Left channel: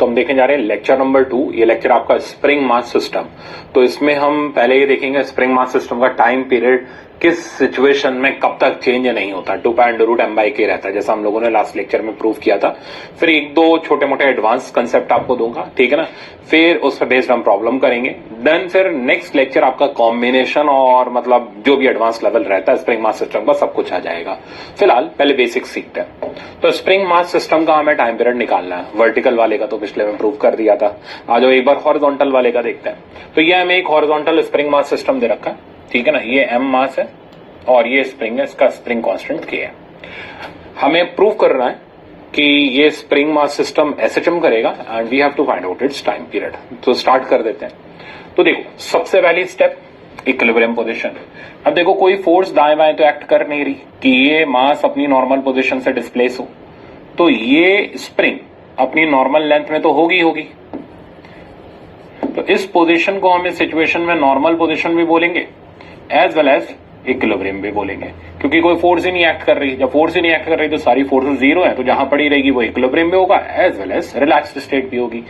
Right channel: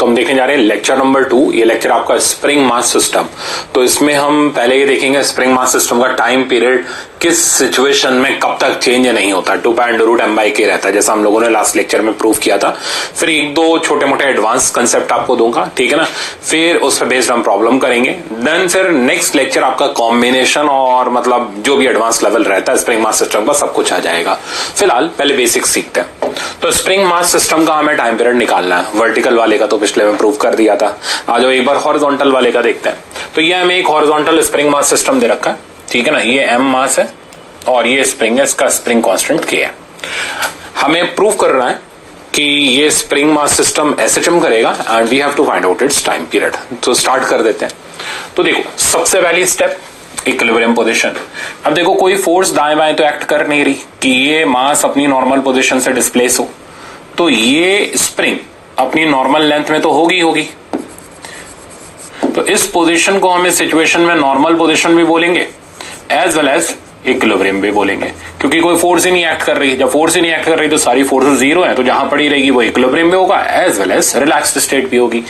तो हम देखने जा रहे हैं लेक्चर नंबर 2। ये लेक्चर आपका स्प्रिंग मास सिस्टम। तो इसमें हम पहले ये देखेंगे स्प्रिंग मास सिस्टम का टाइम पीरियड किस सिचुएशन में कब तक चेंज नहीं होता, 2 पाई अंडर रूट m/k रहता है, जैसा हम लोगों ने लास्ट लेक्चर में प्रूव किया था। फिर एक दो छोटे मोटे एडवांस कंसेप्ट आपको दूंगा, ठीक है ना। फिर उस पर बेस्ड हम प्रॉब्लम करेंगे। देन फिर नेक्स्ट लेक्चर आपका कॉम्बिनेशन और मतलब जो भी एडवांस लेवल रहता है स्प्रिंग मास सिस्टम का सब कुछ आ जाएगा। फिलहाल पहले बेसिक्स सीखते हैं। तो स्प्रिंग मास सिस्टम का हमें टाइम पीरियड निकालना है। वर्टिकल वाले का तो पिछले में प्रूव कर दिया था। आज एक बार हॉरिजॉन्टल वाले का देखते हैं। तो ये हमें एक हॉरिजॉन्टल स्प्रिंग मास सिस्टम दे रखा है, ठीक है ना। ये m मास है और ये स्प्रिंग है, इसका स्प्रिंग कांस्टेंट k है। हमें प्रूव करना है कि ये स्प्रिंग मास सिस्टम SHM करेगा and we have to find out its time period. तो स्टार्ट कर देते हैं। तो देखो सबसे पहली स्टेप इक्विलिब्रियम पोजीशन। अब देखो कोई फोर्स दाएं बाएं तो एक्ट कर नहीं रही कि ये मास अपनी नॉर्मल पोजीशन से डिस्प्लेस हो, तो ये स्प्रिंग अपनी नॉर्मल लेंथ में तो होगी। तो इस पोजीशन को हम इस सिचुएशन में नॉर्मल पोजीशन भी बोलेंगे एज वेल एज इक्विलिब्रियम भी बोलेंगे, क्योंकि कोई फोर्स ही नहीं एक्ट कर रही। जब फोर्स ही नहीं एक्ट कर रही तो सारी फोर्सेस जीरो है, तो जहां पड़ी रहेगी वो इक्विलिब्रियम भी होगा as well as relaxed state भी होगी।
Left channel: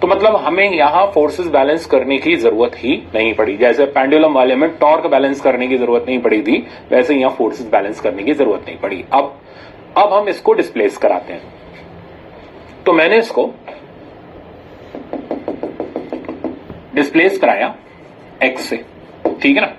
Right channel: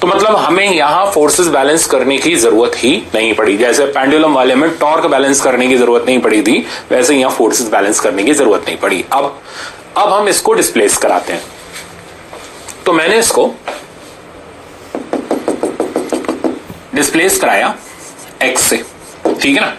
तो मतलब हमें यहाँ फोर्सेस बैलेंस करने की जरूरत ही नहीं पड़ी। जैसे पेंडुलम वाले में टॉर्क बैलेंस करने की जरूरत नहीं पड़ी थी, वैसे यहाँ फोर्सेस बैलेंस करने की जरूरत नहीं पड़ी। अब हम इसको डिस्प्लेस कराते हैं। तो मैंने इसको डिस्प्लेस कराया x से, ठीक है ना।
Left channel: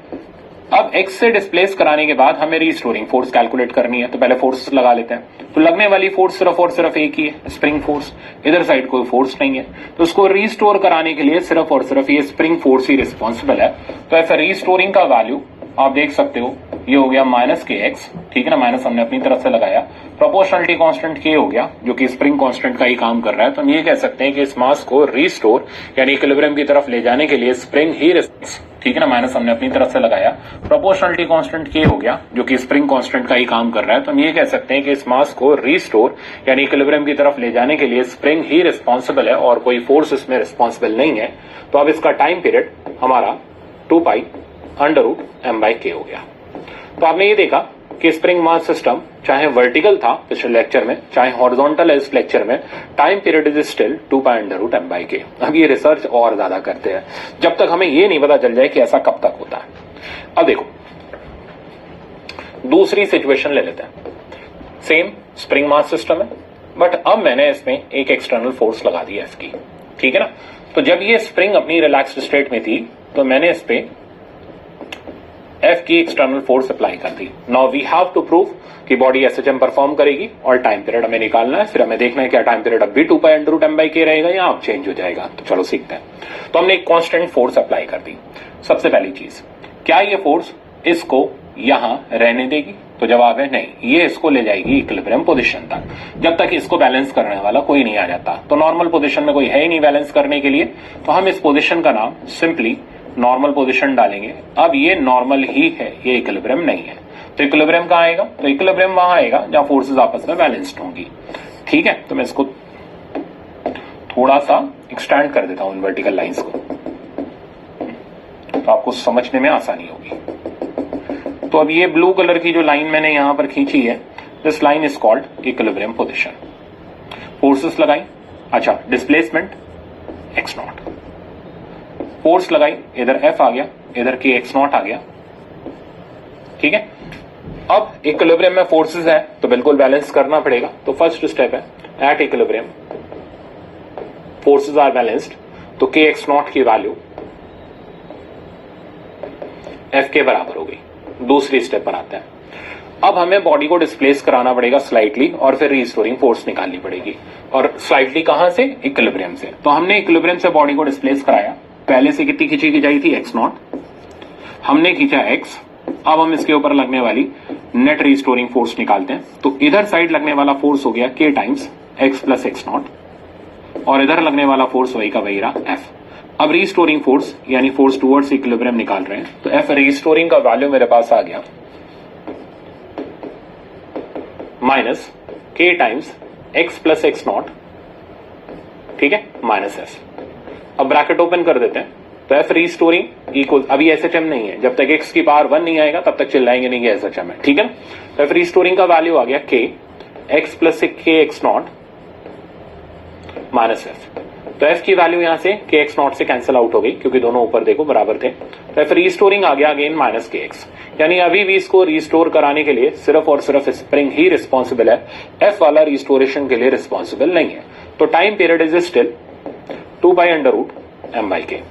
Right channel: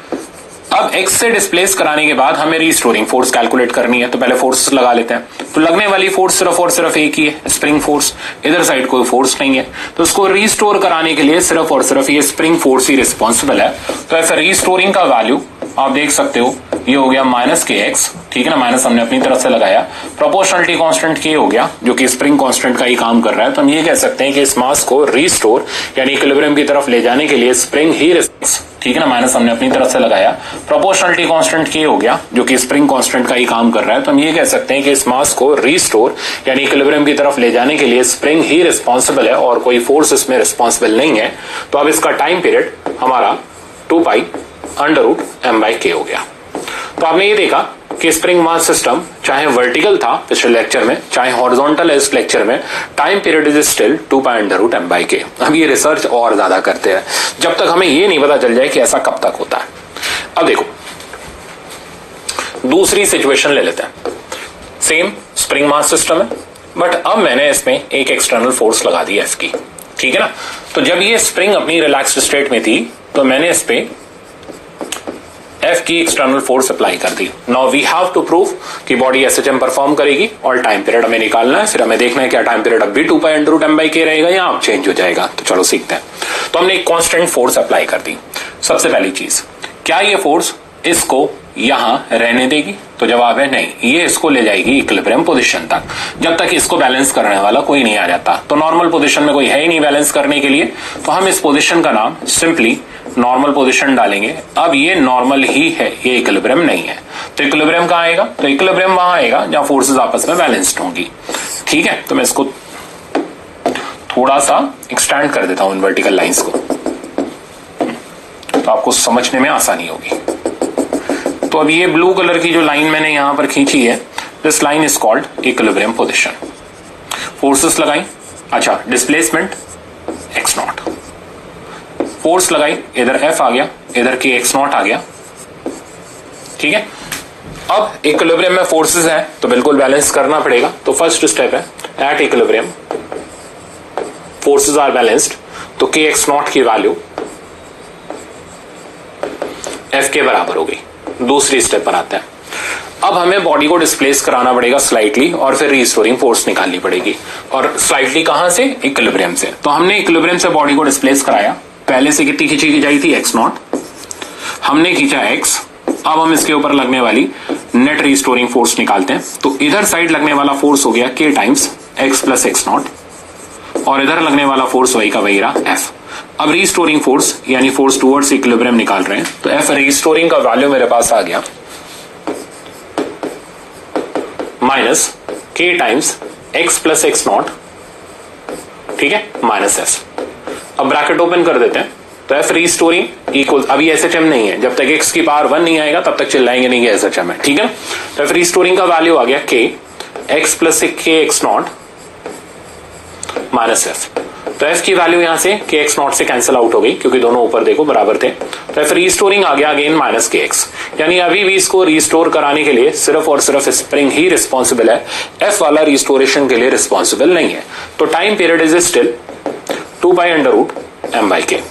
अब x से डिस्प्लेस कराने के बाद हमें रिस्टोरिंग फोर्स कैलकुलेट करनी है, तो पहले फोर्स लगा लेते हैं। तो लगने वाली फोर्स सिर्फ और सिर्फ एक ही है, स्प्रिंग फोर्स। इधर साइड कोई फोर्स नहीं है, तो इसको रिस्टोर कराने के लिए सिर्फ और सिर्फ ये स्प्रिंग फोर्स ही रिस्पॉन्सिबल है। तो ऐसा रिस्टोरिंग का वैल्यू आप देख सकते हो, ये हो गया -kx, ठीक है ना। माइनस हमने अपनी तरफ से लगाया। प्रोपोर्शनलिटी कांस्टेंट k हो गया, जो कि स्प्रिंग कांस्टेंट का ही काम कर रहा है। तो हम ये कह सकते हैं कि इस मास को रिस्टोर यानी इक्विलिब्रियम की तरफ ले जाने के लिए स्प्रिंग ही, ठीक है ना। माइनस हमने अपनी तरफ से लगाया। प्रोपोर्शनलिटी कांस्टेंट k हो गया, जो कि स्प्रिंग कांस्टेंट का ही काम कर रहा है। तो हम ये कह सकते हैं कि इस मास को रिस्टोर यानी इक्विलिब्रियम की तरफ ले जाने के लिए स्प्रिंग ही रिस्पॉन्सिबल है और कोई फोर्स इसमें रिस्पॉन्सिबल नहीं है। तो अब इसका टाइम पीरियड हमारा 2 पाई अंडर रूट m/k हो गया। तो आपने ये देखा कि स्प्रिंग मास सिस्टम चाहे वर्टिकल था पिछले लेक्चर में, चाहे हॉरिजॉन्टल है इस लेक्चर में, time period is still 2 pi under root m/k। अब ये रिसर्च और ज्यादा करते हैं जब तक हमें ये नहीं पता चल जाए कि ऐसा कब तक होता है। अब देखो दूसरी सिचुएशन ले लेते हैं। सेम स्प्रिंग मास सिस्टम है, बट अब मैंने इसमें एक एक्सटर्नल फोर्स लगा दी F की, ठीक है ना। तो जब ये स्प्रिंग अपनी रिलैक्स्ड स्टेट में थी तो मैंने इस पे F की एक्सटर्नल फोर्स अप्लाई कर दी। Now we have to prove कि बॉडी SHM परफॉर्म करेगी और टाइम पीरियड हमें निकालना है। फिर हमें देखना है क्या टाइम पीरियड अब भी 2 पाई अंडर रूट m/k रहेगा या अब चेंज हो जाएगा। तो चलो सीखते हैं। तो हमने एक कांस्टेंट फोर्स अप्लाई कर दी। सबसे पहली चीज, क्या ये फोर्स इसको यहां रहने देगी? तो जवाब है नहीं, ये इसको ले जाएगी इक्विलिब्रियम पोजीशन तक, जब तक इसको बैलेंस करने वाला कोई नहीं आ जाता। तो नॉर्मल पोजीशन में कोई है ही नहीं बैलेंस करने के लिए, तो हम इस पोजीशन का नाम सिंपली नॉर्मल पोजीशन डालेंगे। अब ये नॉर्मल ही है, ये इक्विलिब्रियम नहीं है। तो इक्विलिब्रियम कहां आएगा? तो इक्विलिब्रियम वहां आएगा जहां फोर्सेस आपस में बैलेंस्ड होंगी, ठीक है। तो मैं इसको थोड़ा सा एक्सटेंड कर देता हूं इन वर्टिकल लाइंस को, तो आपको समझने में आसानी होगी। तो अब ये ब्लू कलर की जो लाइन मैंने यहां पर खींची है, this line is called equilibrium position. Forces लगाई, अच्छा डिस्प्लेसमेंट x0, फोर्स लगाई, इधर F आ गया, इधर k x0 आ गया, ठीक है। अब इक्विलिब्रियम में फोर्सेस है तो बिल्कुल बैलेंस करना पड़ेगा। तो फर्स्ट स्टेप है at equilibrium forces are balanced, तो k x0 की वैल्यू F के बराबर हो गई। दूसरी स्टेप पर आता है, अब हमें बॉडी को डिस्प्लेस कराना पड़ेगा स्लाइटली और फिर रिस्टोरिंग फोर्स निकालनी पड़ेगी। और स्लाइटली कहां से? इक्विलिब्रियम से। तो हमने इक्विलिब्रियम से बॉडी को डिस्प्लेस कराया। पहले से कितनी खींची की जाई थी? x0, हमने खींचा x। अब हम इसके ऊपर लगने वाली नेट रिस्टोरिंग फोर्स निकालते हैं। तो इधर साइड लगने वाला फोर्स हो गया k times x plus x0 और इधर लगने वाला फोर्स वही का वही रहा F। अब रिस्टोरिंग फोर्स यानी फोर्स टुवर्ड्स इक्विलिब्रियम निकाल रहे हैं, तो F रिस्टोरिंग का वैल्यू मेरे पास आ गया minus k times x plus x0, ठीक है, माइनस S। अब ब्रैकेट ओपन कर देते हैं, तो F रिस्टोरिंग इक्वल, अभी SHM नहीं है, जब तक x की पावर 1 नहीं आएगा तब तक चिल्लाएंगे नहीं कि SHM है, ठीक है। तो F रिस्टोरिंग का वैल्यू आ गया k x plus k x0 minus F। तो एफ की वैल्यू यहां से के एक्स नॉट से कैंसिल आउट हो गई क्योंकि दोनों ऊपर देखो बराबर थे। तो एफ रीस्टोरिंग आ गया अगेन माइनस के एक्स, यानी अभी भी इसको रीस्टोर कराने के लिए सिर्फ और सिर्फ स्प्रिंग ही रिस्पॉन्सिबल है, एफ वाला रिस्टोरेशन के लिए रिस्पॉन्सिबल नहीं है। तो time period is still 2/√m/k।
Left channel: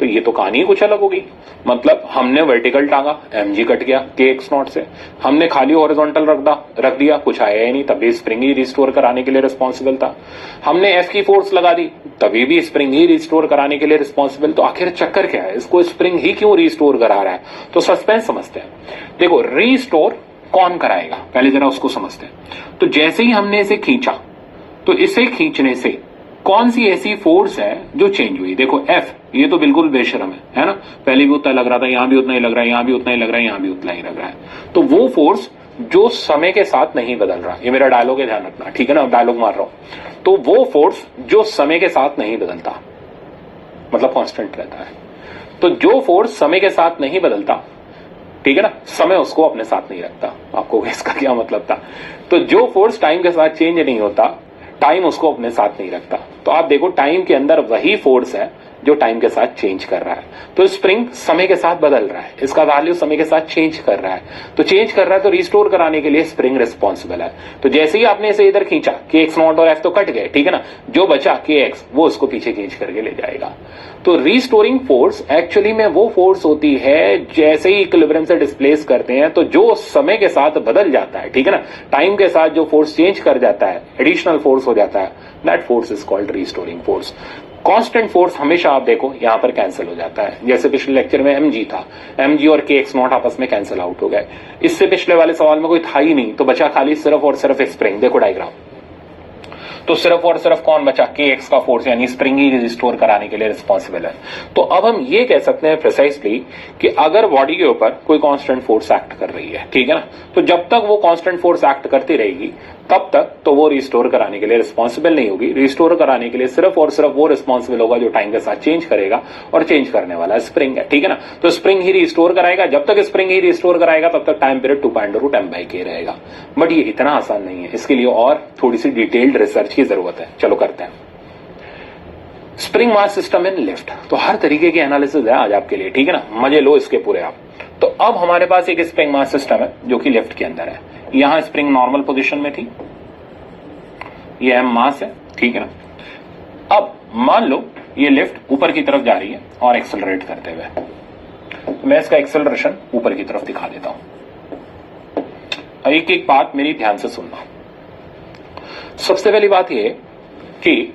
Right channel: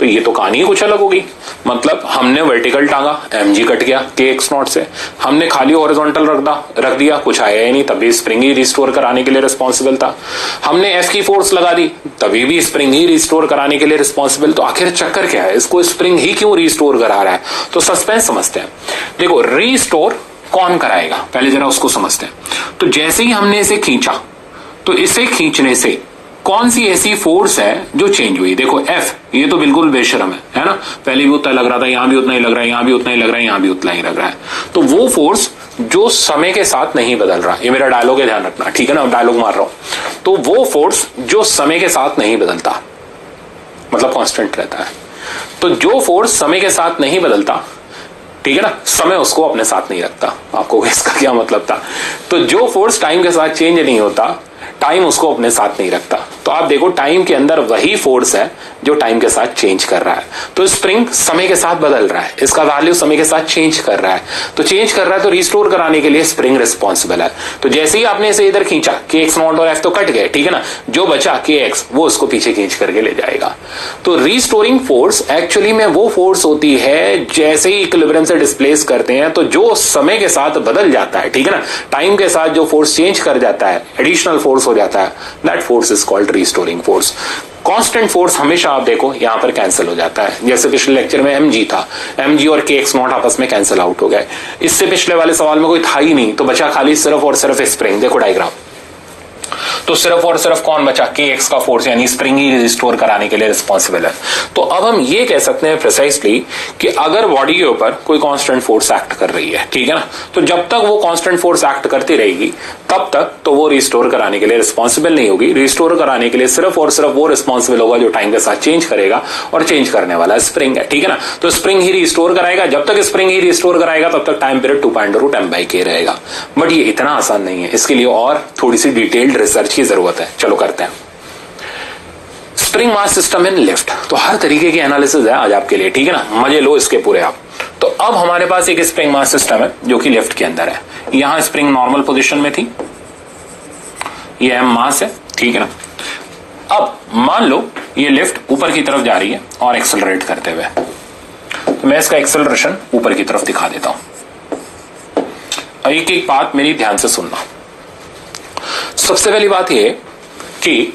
तो ये तो कहानी कुछ अलग होगी, मतलब हमने वर्टिकल टांगा, mg कट गया के एक्स नॉट से, हमने खाली हॉरिजॉन्टल रख दिया, कुछ आया ही नहीं, तभी स्प्रिंग ही रिस्टोर कराने के लिए रिस्पॉन्सिबल था। हमने एफ की फोर्स लगा दी, तभी भी स्प्रिंग ही रिस्टोर कराने के लिए रिस्पॉन्सिबल। तो आखिर चक्कर क्या है, इसको स्प्रिंग ही क्यों रिस्टोर करा रहा है? तो सस्पेंस समझते हैं। देखो रिस्टोर कौन कराएगा, पहले जरा उसको समझते हैं। तो जैसे ही हमने इसे खींचा, तो इसे खींचने से कौन सी ऐसी फोर्स है जो चेंज हुई? देखो F ये तो बिल्कुल बेशरम है ना, पहले भी उतना लग रहा था, यहां भी उतना ही लग रहा है, यहां भी उतना ही लग रहा है, यहां भी उतना ही लग रहा है। तो वो फोर्स जो समय के साथ नहीं बदल रहा, ये मेरा डायलॉग है, ध्यान रखना, ठीक है ना, डायलॉग मार रहा हूं। तो वो फोर्स जो समय के साथ नहीं बदलता, मतलब कांस्टेंट रहता है। तो जो फोर्स समय के साथ नहीं बदलता, ठीक है ना, समय उसको अपने साथ नहीं रखता। आपको इसका क्या मतलब था? तो जो फोर्स टाइम के साथ चेंज नहीं होता, टाइम उसको अपने साथ नहीं रखता। तो आप देखो टाइम के अंदर वही फोर्स है जो टाइम के साथ चेंज कर रहा है। तो स्प्रिंग समय के साथ बदल रहा है, इसका वैल्यू समय के साथ चेंज कर रहा है। तो चेंज कर रहा है तो रिस्टोर कराने के लिए स्प्रिंग रिस्पॉन्सिबल है। तो जैसे ही आपने इसे इधर खींचा, के एक्स नॉट और एफ तो कट गए, ठीक है ना, जो बचा के एक्स वो उसको पीछे खींच करके ले जाएगा। तो रिस्टोरिंग फोर्स एक्चुअली में वो फोर्स होती है, जैसे ही इक्विलिब्रियम से डिस्प्लेस करते हैं तो जो समय के साथ बदल जाता है, ठीक है ना, टाइम के साथ जो फोर्स चेंज कर जाता है, एडिशनल फोर्स हो जाता है, that force is called restoring force. Constant force हमेशा आप देखो यहां पर कैंसिल हो जाता है, जैसे पिछले लेक्चर में mg था, mg और के एक्स नॉट आपस में कैंसिल आउट हो गए। इससे पिछले वाले सवाल में कोई था ही नहीं, तो बचा खाली सिर्फ और सिर्फ स्प्रिंग। देखो डायग्राम, तो सिर्फ और सिर्फ कौन बचा? के एक्स का फोर्स, यानी स्प्रिंग ही रिस्टोर कराने के लिए रिस्पॉन्सिबल है। तो अब हम ये कह सकते हैं प्रिसाइसली कि अगर बॉडी के ऊपर कोई कांस्टेंट फोर्स एक्ट कर रही है, ठीक है ना, तो जब तक वो कांस्टेंट फोर्स एक्ट करती रहेगी तब तक तो वो रिस्टोर कराने के लिए रिस्पॉन्सिबल नहीं होगी। रिस्टोर कराने के लिए सिर्फ और सिर्फ वो रिस्पॉन्सिबल होगा जो टाइम के साथ चेंज करेगा, और चेंज करने वाला स्प्रिंग है, ठीक है ना। तो स्प्रिंग ही रिस्टोर कराएगा, जब तक स्प्रिंग ही रिस्टोर कराएगा तब तक टाइम पीरियड 2/√m/k रहेगा। बट ये इतना आसान नहीं है, इसके लिए और थोड़ी सी डिटेल्ड रिसर्च की जरूरत है। चलो करते हैं। Spring mass system in lift, तो हर तरीके की एनालिसिस है आज आपके लिए, ठीक है ना, मजे लो इसके पूरे आप। तो अब हमारे पास एक स्प्रिंग मास सिस्टम है जो कि लिफ्ट के अंदर है। यहां स्प्रिंग नॉर्मल पोजीशन में थी, ये m मास है, ठीक है ना। अब मान लो ये लिफ्ट ऊपर की तरफ जा रही है और एक्सेलरेट करते हुए, तो मैं इसका एक्सेलरेशन ऊपर की तरफ दिखा देता हूं। एक एक बात मेरी ध्यान से सुनना। सबसे पहली बात यह कि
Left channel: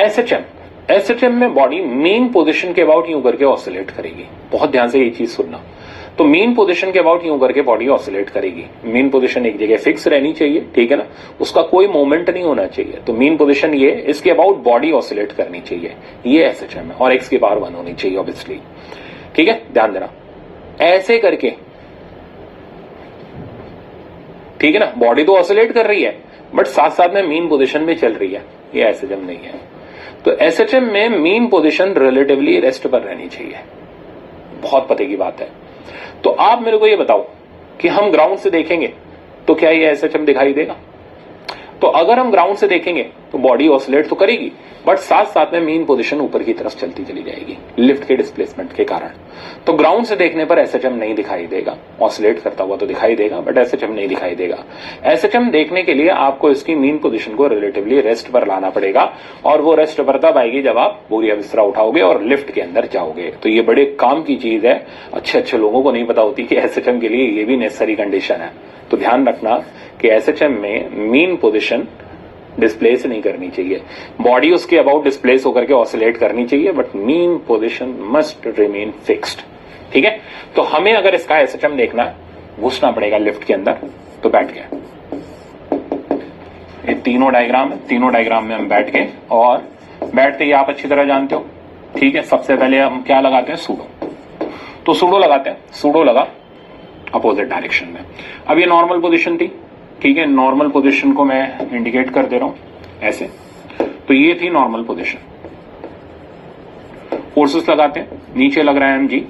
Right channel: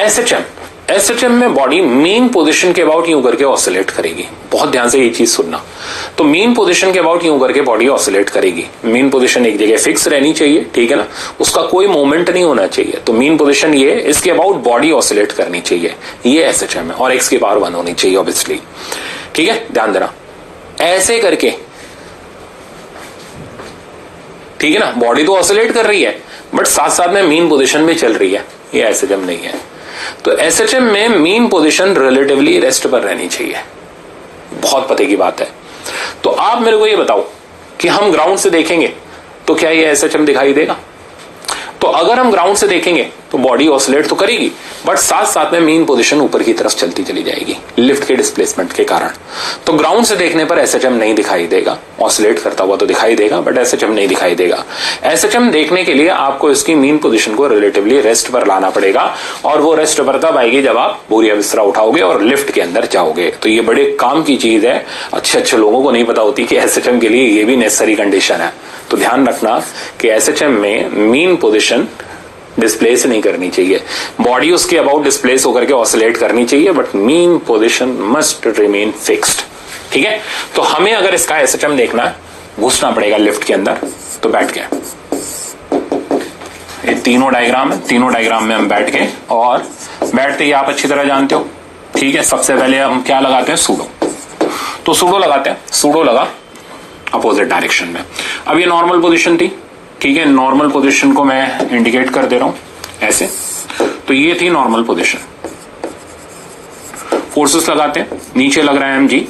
एसएचएम में बॉडी मेन पोजीशन के अबाउट यूं करके ऑसिलेट करेगी। बहुत ध्यान से ये चीज सुनना। तो मेन पोजीशन के अबाउट यूं करके बॉडी ऑसिलेट करेगी। मेन पोजीशन एक जगह फिक्स रहनी चाहिए, ठीक है ना, उसका कोई मूवमेंट नहीं होना चाहिए। तो मेन पोजीशन ये, इसके अबाउट बॉडी ऑसिलेट करनी चाहिए, ये एसएचएम है, और एक्स की पावर 1 होनी चाहिए ऑब्वियसली, ठीक है, ध्यान देना। ऐसे करके, ठीक है ना, बॉडी तो ऑसिलेट कर रही है बट साथ साथ में मेन पोजीशन में चल रही है, ये एसएचएम नहीं है। तो एसएचएम में मेन पोजीशन रिलेटिवली रेस्ट पर रहनी चाहिए, बहुत पते की बात है। तो आप मेरे को ये बताओ कि हम ग्राउंड से देखेंगे तो क्या ये एसएचएम दिखाई देगा? तो अगर हम ग्राउंड से देखेंगे तो बॉडी ऑसिलेट तो करेगी बट साथ साथ में मेन पोजीशन ऊपर की तरफ चलती चली जाएगी लिफ्ट के डिस्प्लेसमेंट के कारण। तो ग्राउंड से देखने पर एसएचएम नहीं दिखाई देगा, ऑसिलेट करता हुआ तो दिखाई देगा बट एसएचएम नहीं दिखाई देगा। एसएचएम देखने के लिए आपको इसकी मेन पोजीशन को रिलेटिवली रेस्ट पर लाना पड़ेगा, और वो रेस्ट पर तब आएगी जब आप बोरिया बिस्तरा उठाओगे और लिफ्ट के अंदर जाओगे। तो ये बड़े काम की चीज है, अच्छे लोगों को नहीं पता होती कि एसएचएम के लिए ये भी नेसेसरी कंडीशन है। तो ध्यान रखना कि एसएचएम में मेन पोजीशन डिस्प्लेस नहीं करनी चाहिए, बॉडी उसके अबाउट डिस्प्लेस होकर के ऑसिलेट करनी चाहिए but main position must remain fixed, ठीक है। तो हमें अगर इसका एसएचएम देखना है, घुसना पड़ेगा लिफ्ट के अंदर। तो बैठ गए, ये तीनों डायग्राम है, तीनों डायग्राम में हम बैठ गए, और बैठते ही आप अच्छी तरह जानते हो, ठीक है। सबसे पहले हम क्या लगाते हैं? सूडो। तो सूडो लगाते हैं, सूडो लगा अपोजिट डायरेक्शन में। अब ये नॉर्मल पोजीशन थी, ठीक है, नॉर्मल पोजीशन को मैं इंडिकेट कर दे रहा हूं ऐसे। तो ये थी नॉर्मल पोजीशन। फोर्सेस लगाते हैं, नीचे लग रहा है mg,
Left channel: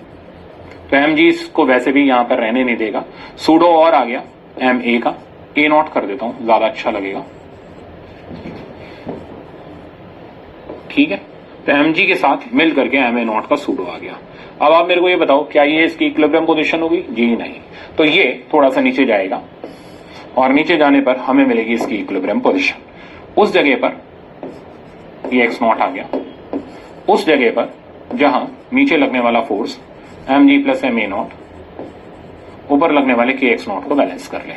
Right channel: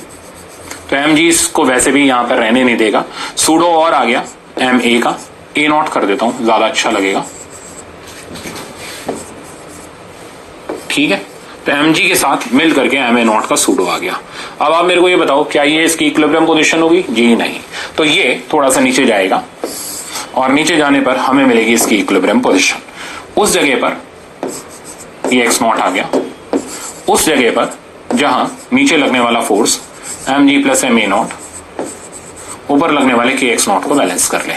तो mg इसको वैसे भी यहां पर रहने नहीं देगा। सूडो और आ गया ma का, a नॉट कर देता हूं, ज्यादा अच्छा लगेगा। ठीक है, तो mg के साथ मिल करके ma0 का सूडो आ गया। अब आप मेरे को ये बताओ क्या ये इसकी इक्विलिब्रियम पोजीशन होगी? जी नहीं। तो ये थोड़ा सा नीचे जाएगा और नीचे जाने पर हमें मिलेगी इसकी इक्विलिब्रियम पोजीशन। उस जगह पर ये x0 आ गया, उस जगह पर जहां नीचे लगने वाला फोर्स mg प्लस ma0 ऊपर लगने वाले kx0 को बैलेंस कर ले।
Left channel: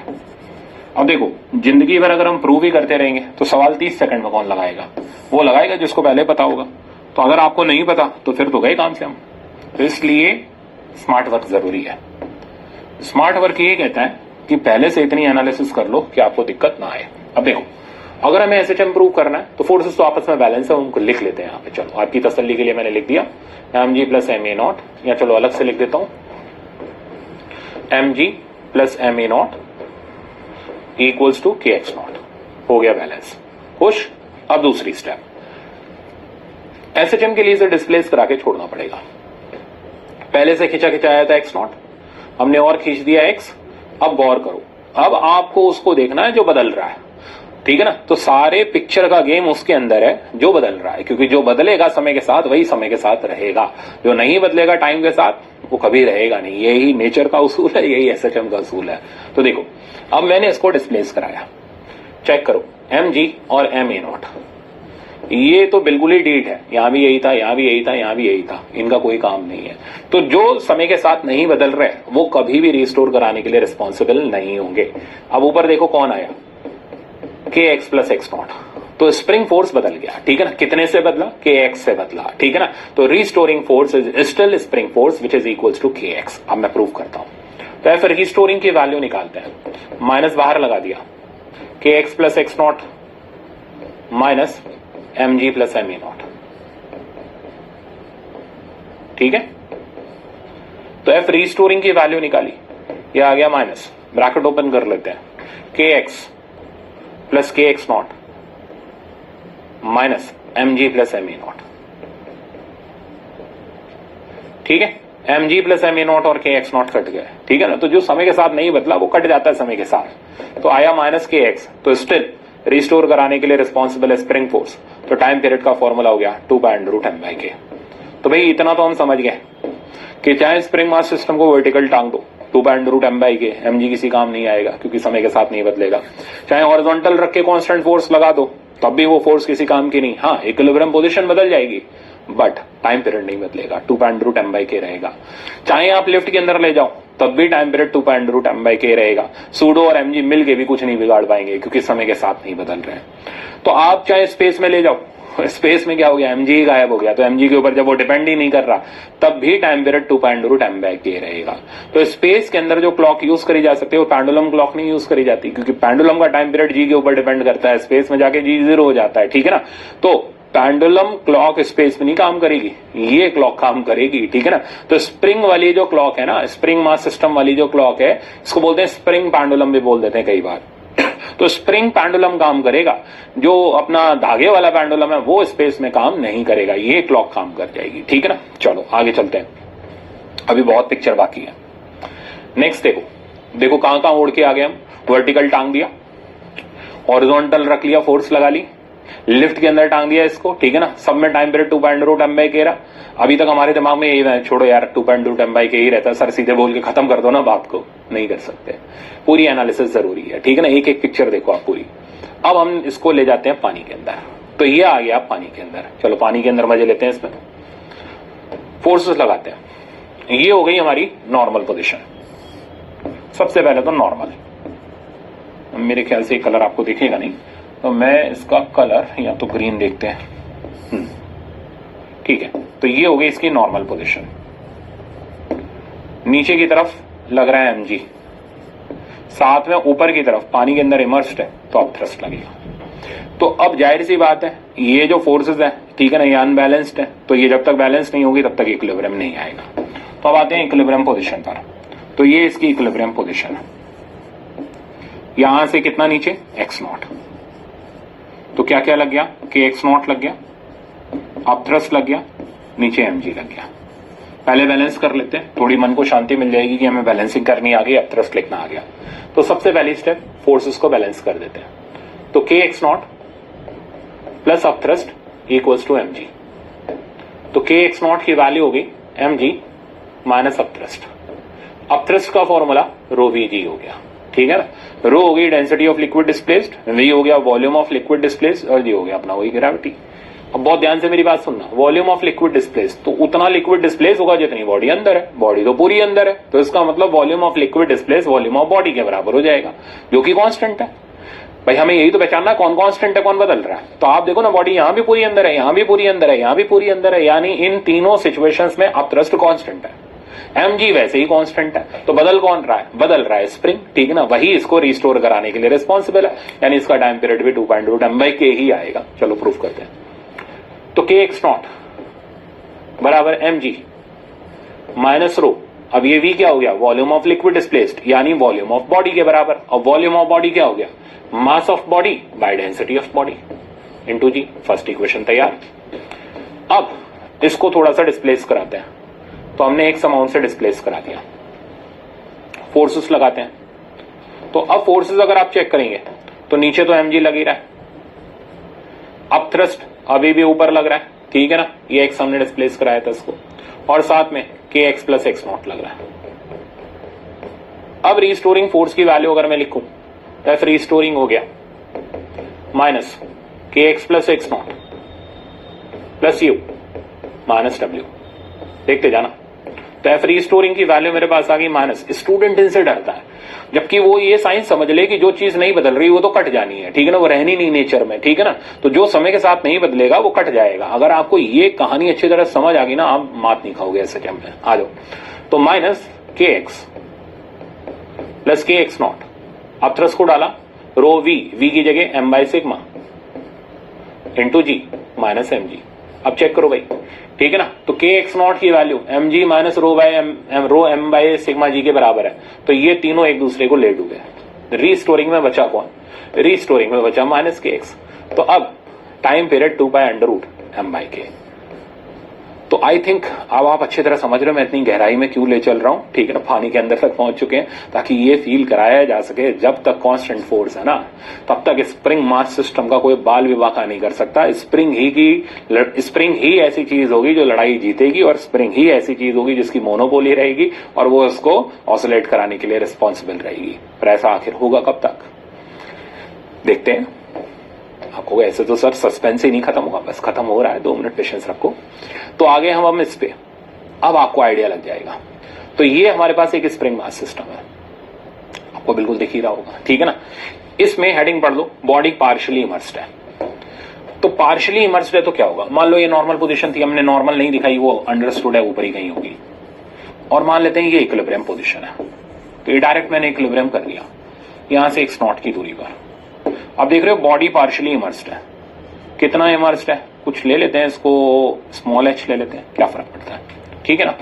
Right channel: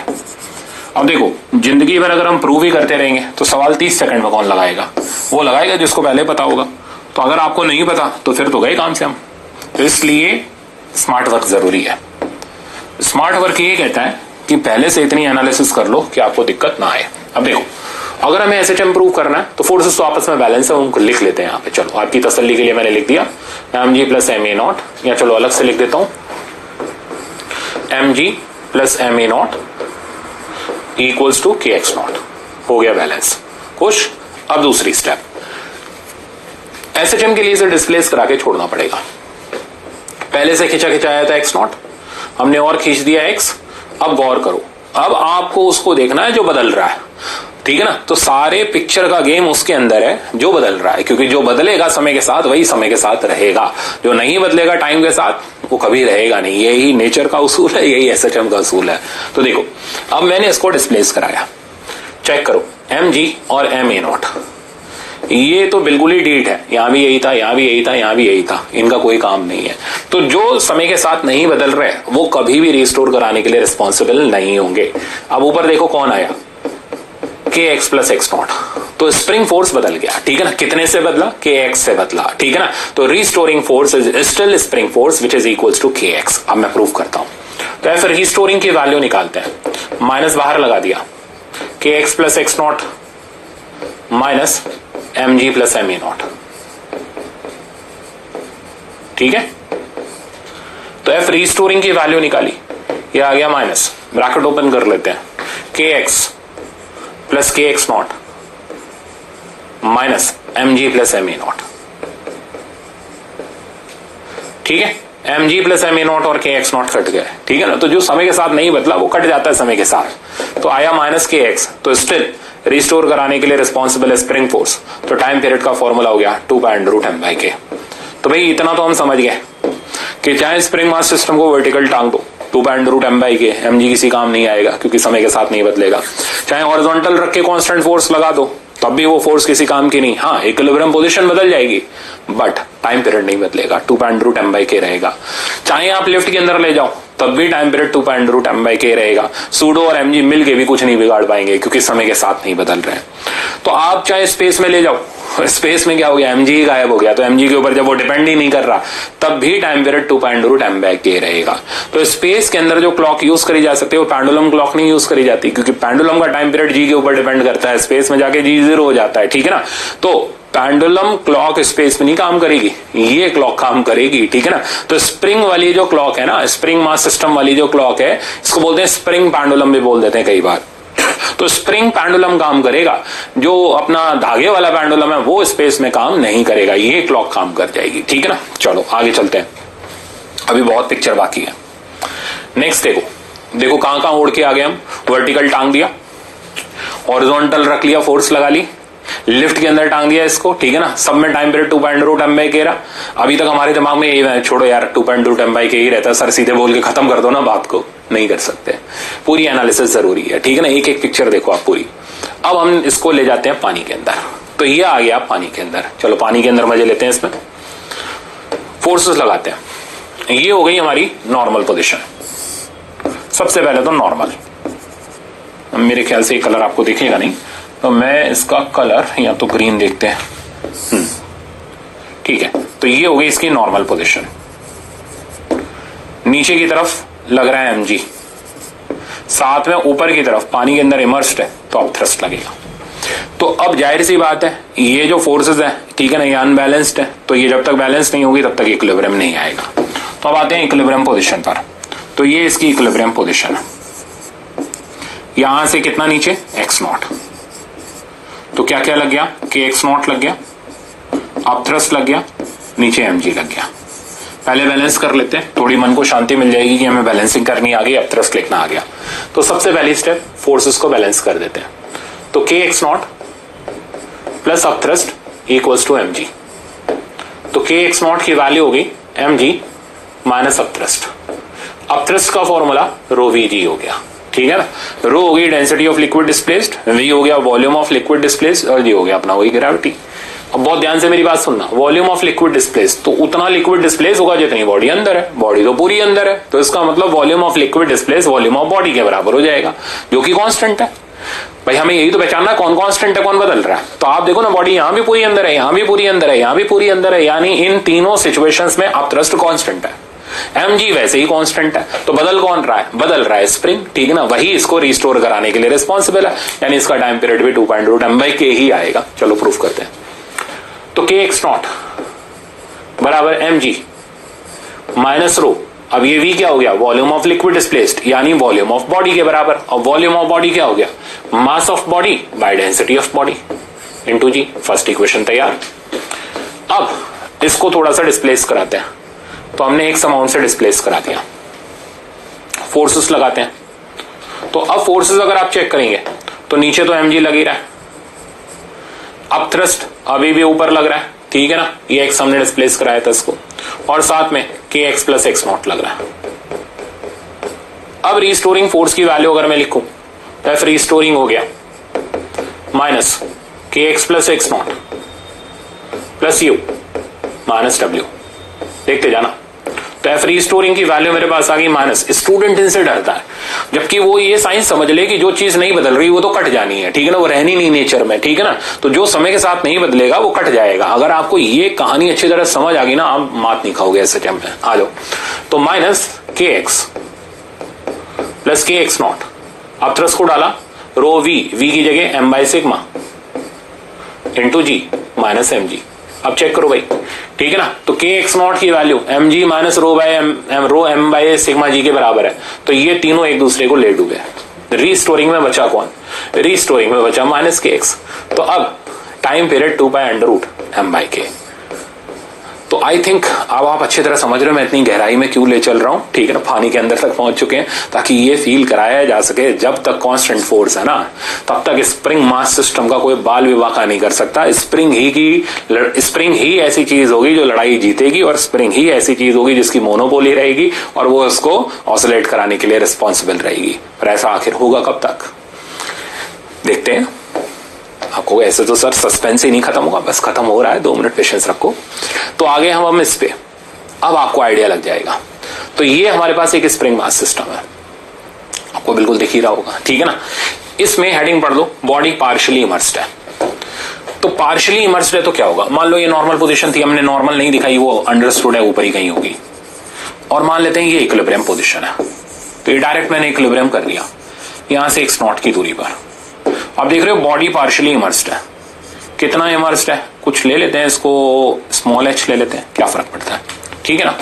अब देखो, जिंदगी भर अगर हम प्रूव ही करते रहेंगे तो सवाल 30 सेकंड में कौन लगाएगा? वो लगाएगा जिसको पहले पता होगा। तो अगर आपको नहीं पता तो फिर तो गए काम से हम। तो इसलिए स्मार्ट वर्क जरूरी है। स्मार्ट वर्क ये कहता है कि पहले से इतनी एनालिसिस कर लो कि आपको दिक्कत ना आए। अब देखो, अगर हमें एसएचएम प्रूव करना है तो फोर्सेस तो आपस में बैलेंस है, उनको लिख लेते हैं यहाँ पे। चलो आपकी तसल्ली के लिए मैंने लिख दिया mg प्लस ma0, या चलो अलग से लिख देता हूं mg plus ma0 equals to kx0। हो गया बैलेंस खुश। अब दूसरी स्टेप, एसएचएम के लिए इसे डिस्प्लेस करा के छोड़ना पड़ेगा। पहले से खिंचा खिंचाया था x0, हमने और खींच दिया x। अब गौर करो, अब आपको उसको देखना है जो बदल रहा है, ठीक है ना। तो सारे पिक्चर का गेम उसके अंदर है जो बदल रहा है, क्योंकि जो बदलेगा समय के साथ वही समय के साथ रहेगा, जो नहीं बदलेगा टाइम के साथ वो कभी रहेगा नहीं। यही नेचर का उसूल है, यही एसएचएम का उसूल है। तो देखो, अब मैंने इसको डिस्प्लेस कराया, चेक करो mg और ma0, ये तो बिल्कुल ही डीट है। यहां भी यही था, यहां भी यही था, यहां भी यही था, इनका कोई काम नहीं है। तो जो समय के साथ नहीं बदल रहे वो कभी भी रिस्टोर कराने के लिए रिस्पॉन्सिबल नहीं होंगे। अब ऊपर देखो कौन आया, kx प्लस x0। तो स्प्रिंग फोर्स बदल गया, ठीक है ना। कितने से बदला? kx से बदला, ठीक है ना। तो restoring force is still spring force which is equals to kx। अब मैं प्रूव करता हूं। तो ऐसे रिस्टोरिंग की वैल्यू निकालते हैं, माइनस बाहर लगा दिया, kx plus x0 minus mg plus ma0, ठीक है। तो एफ रिस्टोरिंग की वैल्यू निकाली, ये आ गया माइनस, ब्रैकेट ओपन कर लेते हैं, kx plus kx0 minus mg plus ma0, ठीक है। mg प्लस ma0 और kx0 कट गए, ठीक है ना। तो जो समय के साथ नहीं बदला वो कट जाता है समय के साथ। तो आया माइनस kx, तो स्टिल रिस्टोर कराने के लिए रिस्पॉन्सिबल है स्प्रिंग फोर्स। तो टाइम पीरियड का फॉर्मूला हो गया 2π√m/k। तो भाई इतना तो हम समझ गए कि चाहे स्प्रिंग मास सिस्टम को वर्टिकल टांग दो 2π√m/k, mg किसी काम नहीं आएगा क्योंकि समय के साथ नहीं बदलेगा। चाहे हॉरिजॉन्टल रख के कांस्टेंट फोर्स लगा दो तब भी वो फोर्स किसी काम की नहीं। हाँ, इक्विलिब्रियम पोजीशन बदल जाएगी बट टाइम पीरियड नहीं बदलेगा, 2π√m/k रहेगा। चाहे आप लिफ्ट के अंदर ले जाओ तब भी टाइम पीरियड 2π√m/k रहेगा। सूडो और mg मिल के भी कुछ नहीं बिगाड़ पाएंगे क्योंकि समय के साथ नहीं बदल रहे हैं। तो आप चाहे स्पेस में ले जाओ, स्पेस में क्या हो गया, mg गायब हो गया। तो mg के ऊपर जब वो डिपेंड ही नहीं कर रहा तब भी टाइम पीरियड 2π√m/k रहेगा। तो स्पेस के अंदर जो क्लॉक यूज करी जा सकती है वो पेंडुलम क्लॉक नहीं यूज करी जाती, क्योंकि पेंडुलम का टाइम पीरियड g के ऊपर डिपेंड करता है, स्पेस में जाके g 0 हो जाता है, ठीक है ना। तो पेंडुलम क्लॉक स्पेस में नहीं काम करेगी, ये क्लॉक काम करेगी, ठीक है ना। तो स्प्रिंग वाली जो क्लॉक है ना, स्प्रिंग मास सिस्टम वाली जो क्लॉक है, इसको बोलते हैं स्प्रिंग पेंडुलम भी बोल देते हैं कई बार। तो स्प्रिंग पेंडुलम काम करेगा, जो अपना धागे वाला पेंडुलम है वो स्पेस में काम नहीं करेगा, ये क्लॉक काम कर जाएगी, ठीक है ना। चलो आगे चलते हैं, अभी बहुत पिक्चर बाकी है। नेक्स्ट देखो कहां कहां उड़ के आ गए हम। वर्टिकल टांग दिया, हॉरिजॉन्टल रख लिया, फोर्स लगा ली, लिफ्ट के अंदर टांग दिया इसको, ठीक है ना। सब में टाइम पीरियड 2π√m/k रहा। अभी तक हमारे दिमाग में यही, छोड़ो यार 2π√m/k ही रहता है, सर सीधे बोल के खत्म कर दो ना बात को, नहीं कर सकते, पूरी एनालिसिस जरूरी है, ठीक है ना। एक एक पिक्चर देखो आप पूरी। अब हम इसको ले जाते हैं पानी के अंदर। तो ये आ गया पानी के अंदर, चलो पानी के अंदर मजे लेते हैं, इसमें फोर्सेस लगाते हैं। ये हो गई हमारी नॉर्मल पोजिशन। सबसे पहले तो नॉर्मल, मेरे ख्याल से कलर आपको दिखेगा नहीं, तो मैं इसका कलर या तो ग्रीन देखते हैं, ठीक है। तो ये हो गई इसकी नॉर्मल पोजीशन। नीचे की तरफ लग रहा है mg, साथ में ऊपर की तरफ पानी के अंदर इमर्स्ड है तो अब थ्रस्ट लगेगा। तो अब जाहिर सी बात है ये जो फोर्सेस है, ठीक है ना, ये अनबैलेंस्ड है, तो ये जब तक बैलेंस नहीं होगी तब तक इक्विलिब्रियम नहीं आएगा। तो अब आते हैं इक्विलिब्रियम पोजीशन पर। तो ये इसकी इक्विलिब्रियम पोजीशन है, यहां से कितना नीचे x0, तो क्या क्या लग गया, kx0 लग गया, अब थ्रस्ट लग गया, नीचे mg लग गया। पहले बैलेंस कर लेते हैं, थोड़ी मन को शांति मिल जाएगी कि हमें बैलेंसिंग करनी आ गई, अब थ्रस्ट लिखना आ गया। तो सबसे पहली स्टेप फोर्सेस को बैलेंस कर देते हैं। तो kx0 प्लस अब थ्रस्ट इक्वल्स टू mg। तो के एक्स नॉट की वैल्यू होगी mg माइनस अपथ्रस्ट। अपथ्रस्ट का फॉर्मूला रो vg हो गया, ठीक है ना। रो हो गई density of liquid displaced, v हो गया वॉल्यूम ऑफ लिक्विड डिस्प्लेस्ड और g हो गया अपना वही ग्रेविटी। अब बहुत ध्यान से मेरी बात सुनना, वॉल्यूम ऑफ लिक्विड डिस्प्लेस तो उतना लिक्विड डिस्प्लेस होगा जितनी बॉडी अंदर है, बॉडी तो पूरी अंदर है, तो इसका मतलब volume of liquid displace volume of body के बराबर हो जाएगा, जो कि कांस्टेंट है। भाई हमें यही तो पहचानना है कौन कांस्टेंट है कौन बदल रहा है। तो आप देखो ना, बॉडी यहां भी पूरी अंदर है, यहां भी पूरी अंदर है, यहां भी पूरी अंदर है, यानी इन तीनों सिचुएशंस में अपथ्रस्ट कांस्टेंट है, mg वैसे ही कांस्टेंट है। तो बदल कौन रहा है? बदल रहा है स्प्रिंग, ठीक है ना, वही इसको रिस्टोर कराने के लिए रिस्पॉन्सिबल है, यानी इसका टाइम पीरियड भी 2.√m/k ही आएगा। चलो प्रूफ करते हैं। तो के एक्स नॉट बराबर mg माइनस रो, अब ये v क्या हो गया? वॉल्यूम ऑफ लिक्विड डिस्प्लेस्ड यानी वॉल्यूम ऑफ बॉडी के बराबर। और वॉल्यूम ऑफ बॉडी क्या हो गया? Mass of body by density of body into g। First equation तैयार। अब इसको थोड़ा सा डिस्प्लेस कराते हैं, तो हमने एक अमाउंट से डिस्प्लेस करा दिया, फोर्सेस लगाते हैं। तो अब फोर्सेस अगर आप चेक करेंगे तो नीचे तो mg लग ही रहा है, अब थ्रस्ट अभी भी ऊपर लग रहा है, ठीक है ना, ये एक्स हमने डिस्प्लेस कराया था इसको, और साथ में के एक्स प्लस एक्स नॉट लग रहा है। अब रिस्टोरिंग फोर्स की वैल्यू अगर मैं लिखूं तो एफ रिस्टोरिंग हो गया माइनस के x plus x naught plus you minus W. देखते जाना, तो एफ रिस्टोरिंग की वैल्यू मेरे पास आ गई माइनस। स्टूडेंट इनसे डरता है, जबकि वो ये साइंस समझ ले कि जो चीज नहीं बदल रही वो तो कट जानी है, ठीक है ना, वो रहनी नहीं नेचर में, ठीक है ना। तो जो समय के साथ नहीं बदलेगा वो कट जाएगा। अगर आपको ये कहानी अच्छी तरह समझ आ गई ना, आप मात नहीं खाओगे ऐसे टाइम में। आ जाओ, तो माइनस के एक्स प्लस के एक्स नॉट, अब थ्रस्ट को डाला रो वी की जगह m/σ into g minus mg। अब चेक करो भाई, ठीक है ना। तो के एक्स नॉट की value mg minus rho m/σ जी के बराबर है, तो ये तीनों एक दूसरे को ले डूबे। रीस्टोरिंग में बचा कौन? रीस्टोरिंग में बचा माइनस के एक्स। तो अब टाइम पीरियड 2/√m/k। तो आई थिंक अब आप अच्छी तरह समझ रहे हो मैं इतनी गहराई में क्यों ले चल रहा हूं, ठीक है ना, पानी के अंदर तक पहुंच चुके हैं, ताकि ये फील कराया जा सके जब तक कांस्टेंट फोर्स है ना, तब तक स्प्रिंग मास सिस्टम का कोई बाल विवाह नहीं कर सकता। स्प्रिंग ही ऐसी चीज होगी जो लड़ाई जीतेगी, और स्प्रिंग ही ऐसी चीज होगी जिसकी मोनोपोली रहेगी और वो उसको ऑसिलेट कराने के लिए रिस्पॉन्सिबल रहेगी। पर ऐसा आखिर होगा कब तक, देखते हैं। आपको ऐसे तो सर सस्पेंस ही नहीं खत्म होगा, बस खत्म हो रहा है, 2 मिनट पेशेंस रखो। तो आगे हम इस पे, अब आपको आइडिया लग जाएगा। तो ये हमारे पास एक स्प्रिंग मास सिस्टम है, आपको बिल्कुल दिख ही रहा होगा, ठीक है ना। इसमें हेडिंग पढ़ लो, बॉडी पार्शियली इमर्स्ड है। तो पार्शियली इमर्स्ड है तो क्या होगा? मान लो ये नॉर्मल पोजीशन थी, हमने नॉर्मल नहीं दिखाई, वो अंडरस्टूड है ऊपर ही कहीं होगी, और मान लेते हैं ये इक्विलिब्रियम पोजीशन है, तो ये डायरेक्ट मैंने इक्विलिब्रियम कर दिया यहां से x नॉट की दूरी पर। अब देख रहे हो बॉडी पार्शियली इमर्स्ड है। कितना इमर्स्ड है? कुछ ले लेते हैं इसको, स्मॉल h ले लेते हैं, क्या फर्क पड़ता है, ठीक है ना।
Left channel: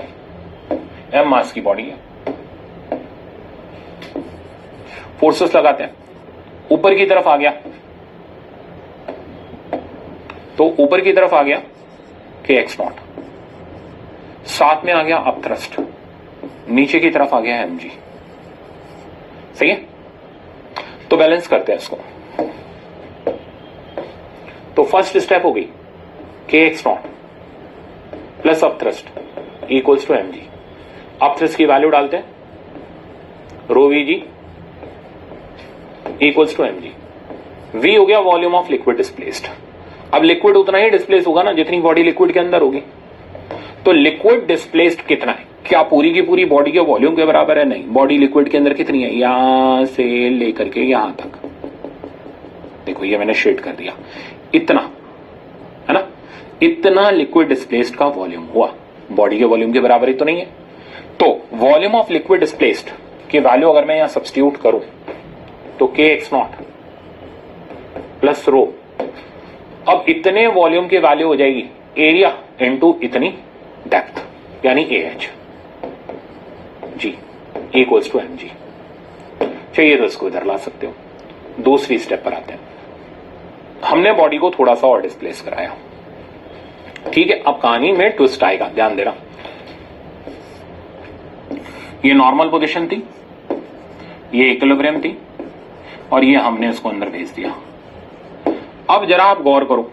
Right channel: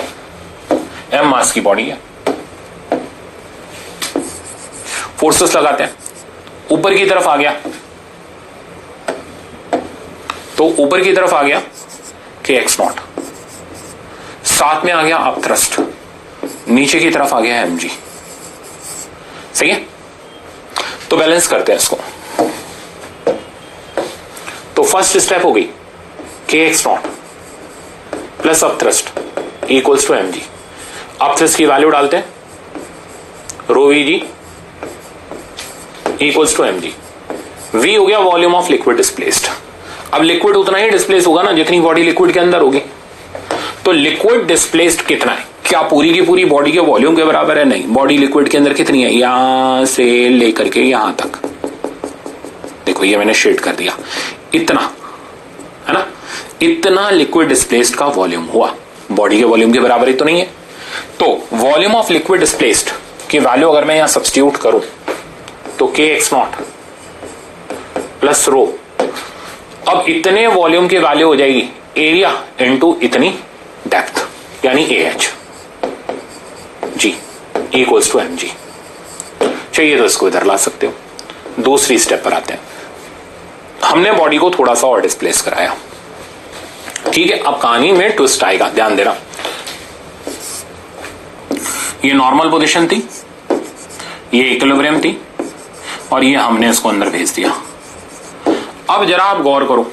m मास की बॉडी है, फोर्सेस लगाते हैं, ऊपर की तरफ आ गया, तो ऊपर की तरफ आ गया के एक्स नॉट, साथ में आ गया अप थ्रस्ट, नीचे की तरफ आ गया mg। सही है, तो बैलेंस करते हैं इसको। तो फर्स्ट स्टेप हो गई k x naught plus upthrust equals to mg। Upthrust की वैल्यू डालते हैं, rho vg equals to mg। v हो गया वॉल्यूम ऑफ लिक्विड डिस्प्लेस्ड। अब लिक्विड उतना ही डिस्प्लेस होगा ना जितनी बॉडी लिक्विड के अंदर होगी। तो लिक्विड डिस्प्लेस्ड कितना है? क्या पूरी की पूरी बॉडी के वॉल्यूम के बराबर है? नहीं। बॉडी लिक्विड के अंदर कितनी है? यहां से लेकर के यहां तक, देखो ये मैंने शेड कर दिया, इतना है ना, इतना लिक्विड डिस्प्लेस्ड का वॉल्यूम हुआ। बॉडी के वॉल्यूम के बराबर ही तो नहीं है। तो वॉल्यूम ऑफ लिक्विड डिस्प्लेस्ड की वैल्यू अगर मैं यहां सब्स्टिट्यूट करूं तो के एक्स नॉट प्लस रो, अब इतने वॉल्यूम की वैल्यू हो जाएगी एरिया इनटू इतनी डेप्थ, यानी AH g equals to mg। चाहिए तो इसको इधर ला सकते हो। दूसरी स्टेप पर आते हैं। हमने बॉडी को थोड़ा सा और डिस्प्लेस कराया, ठीक है। अब कहानी में ट्विस्ट आएगा, ध्यान देना। ये नॉर्मल पोजीशन थी, ये इक्विलिब्रियम थी, और ये हमने इसको अंदर भेज दिया। अब जरा आप गौर करो,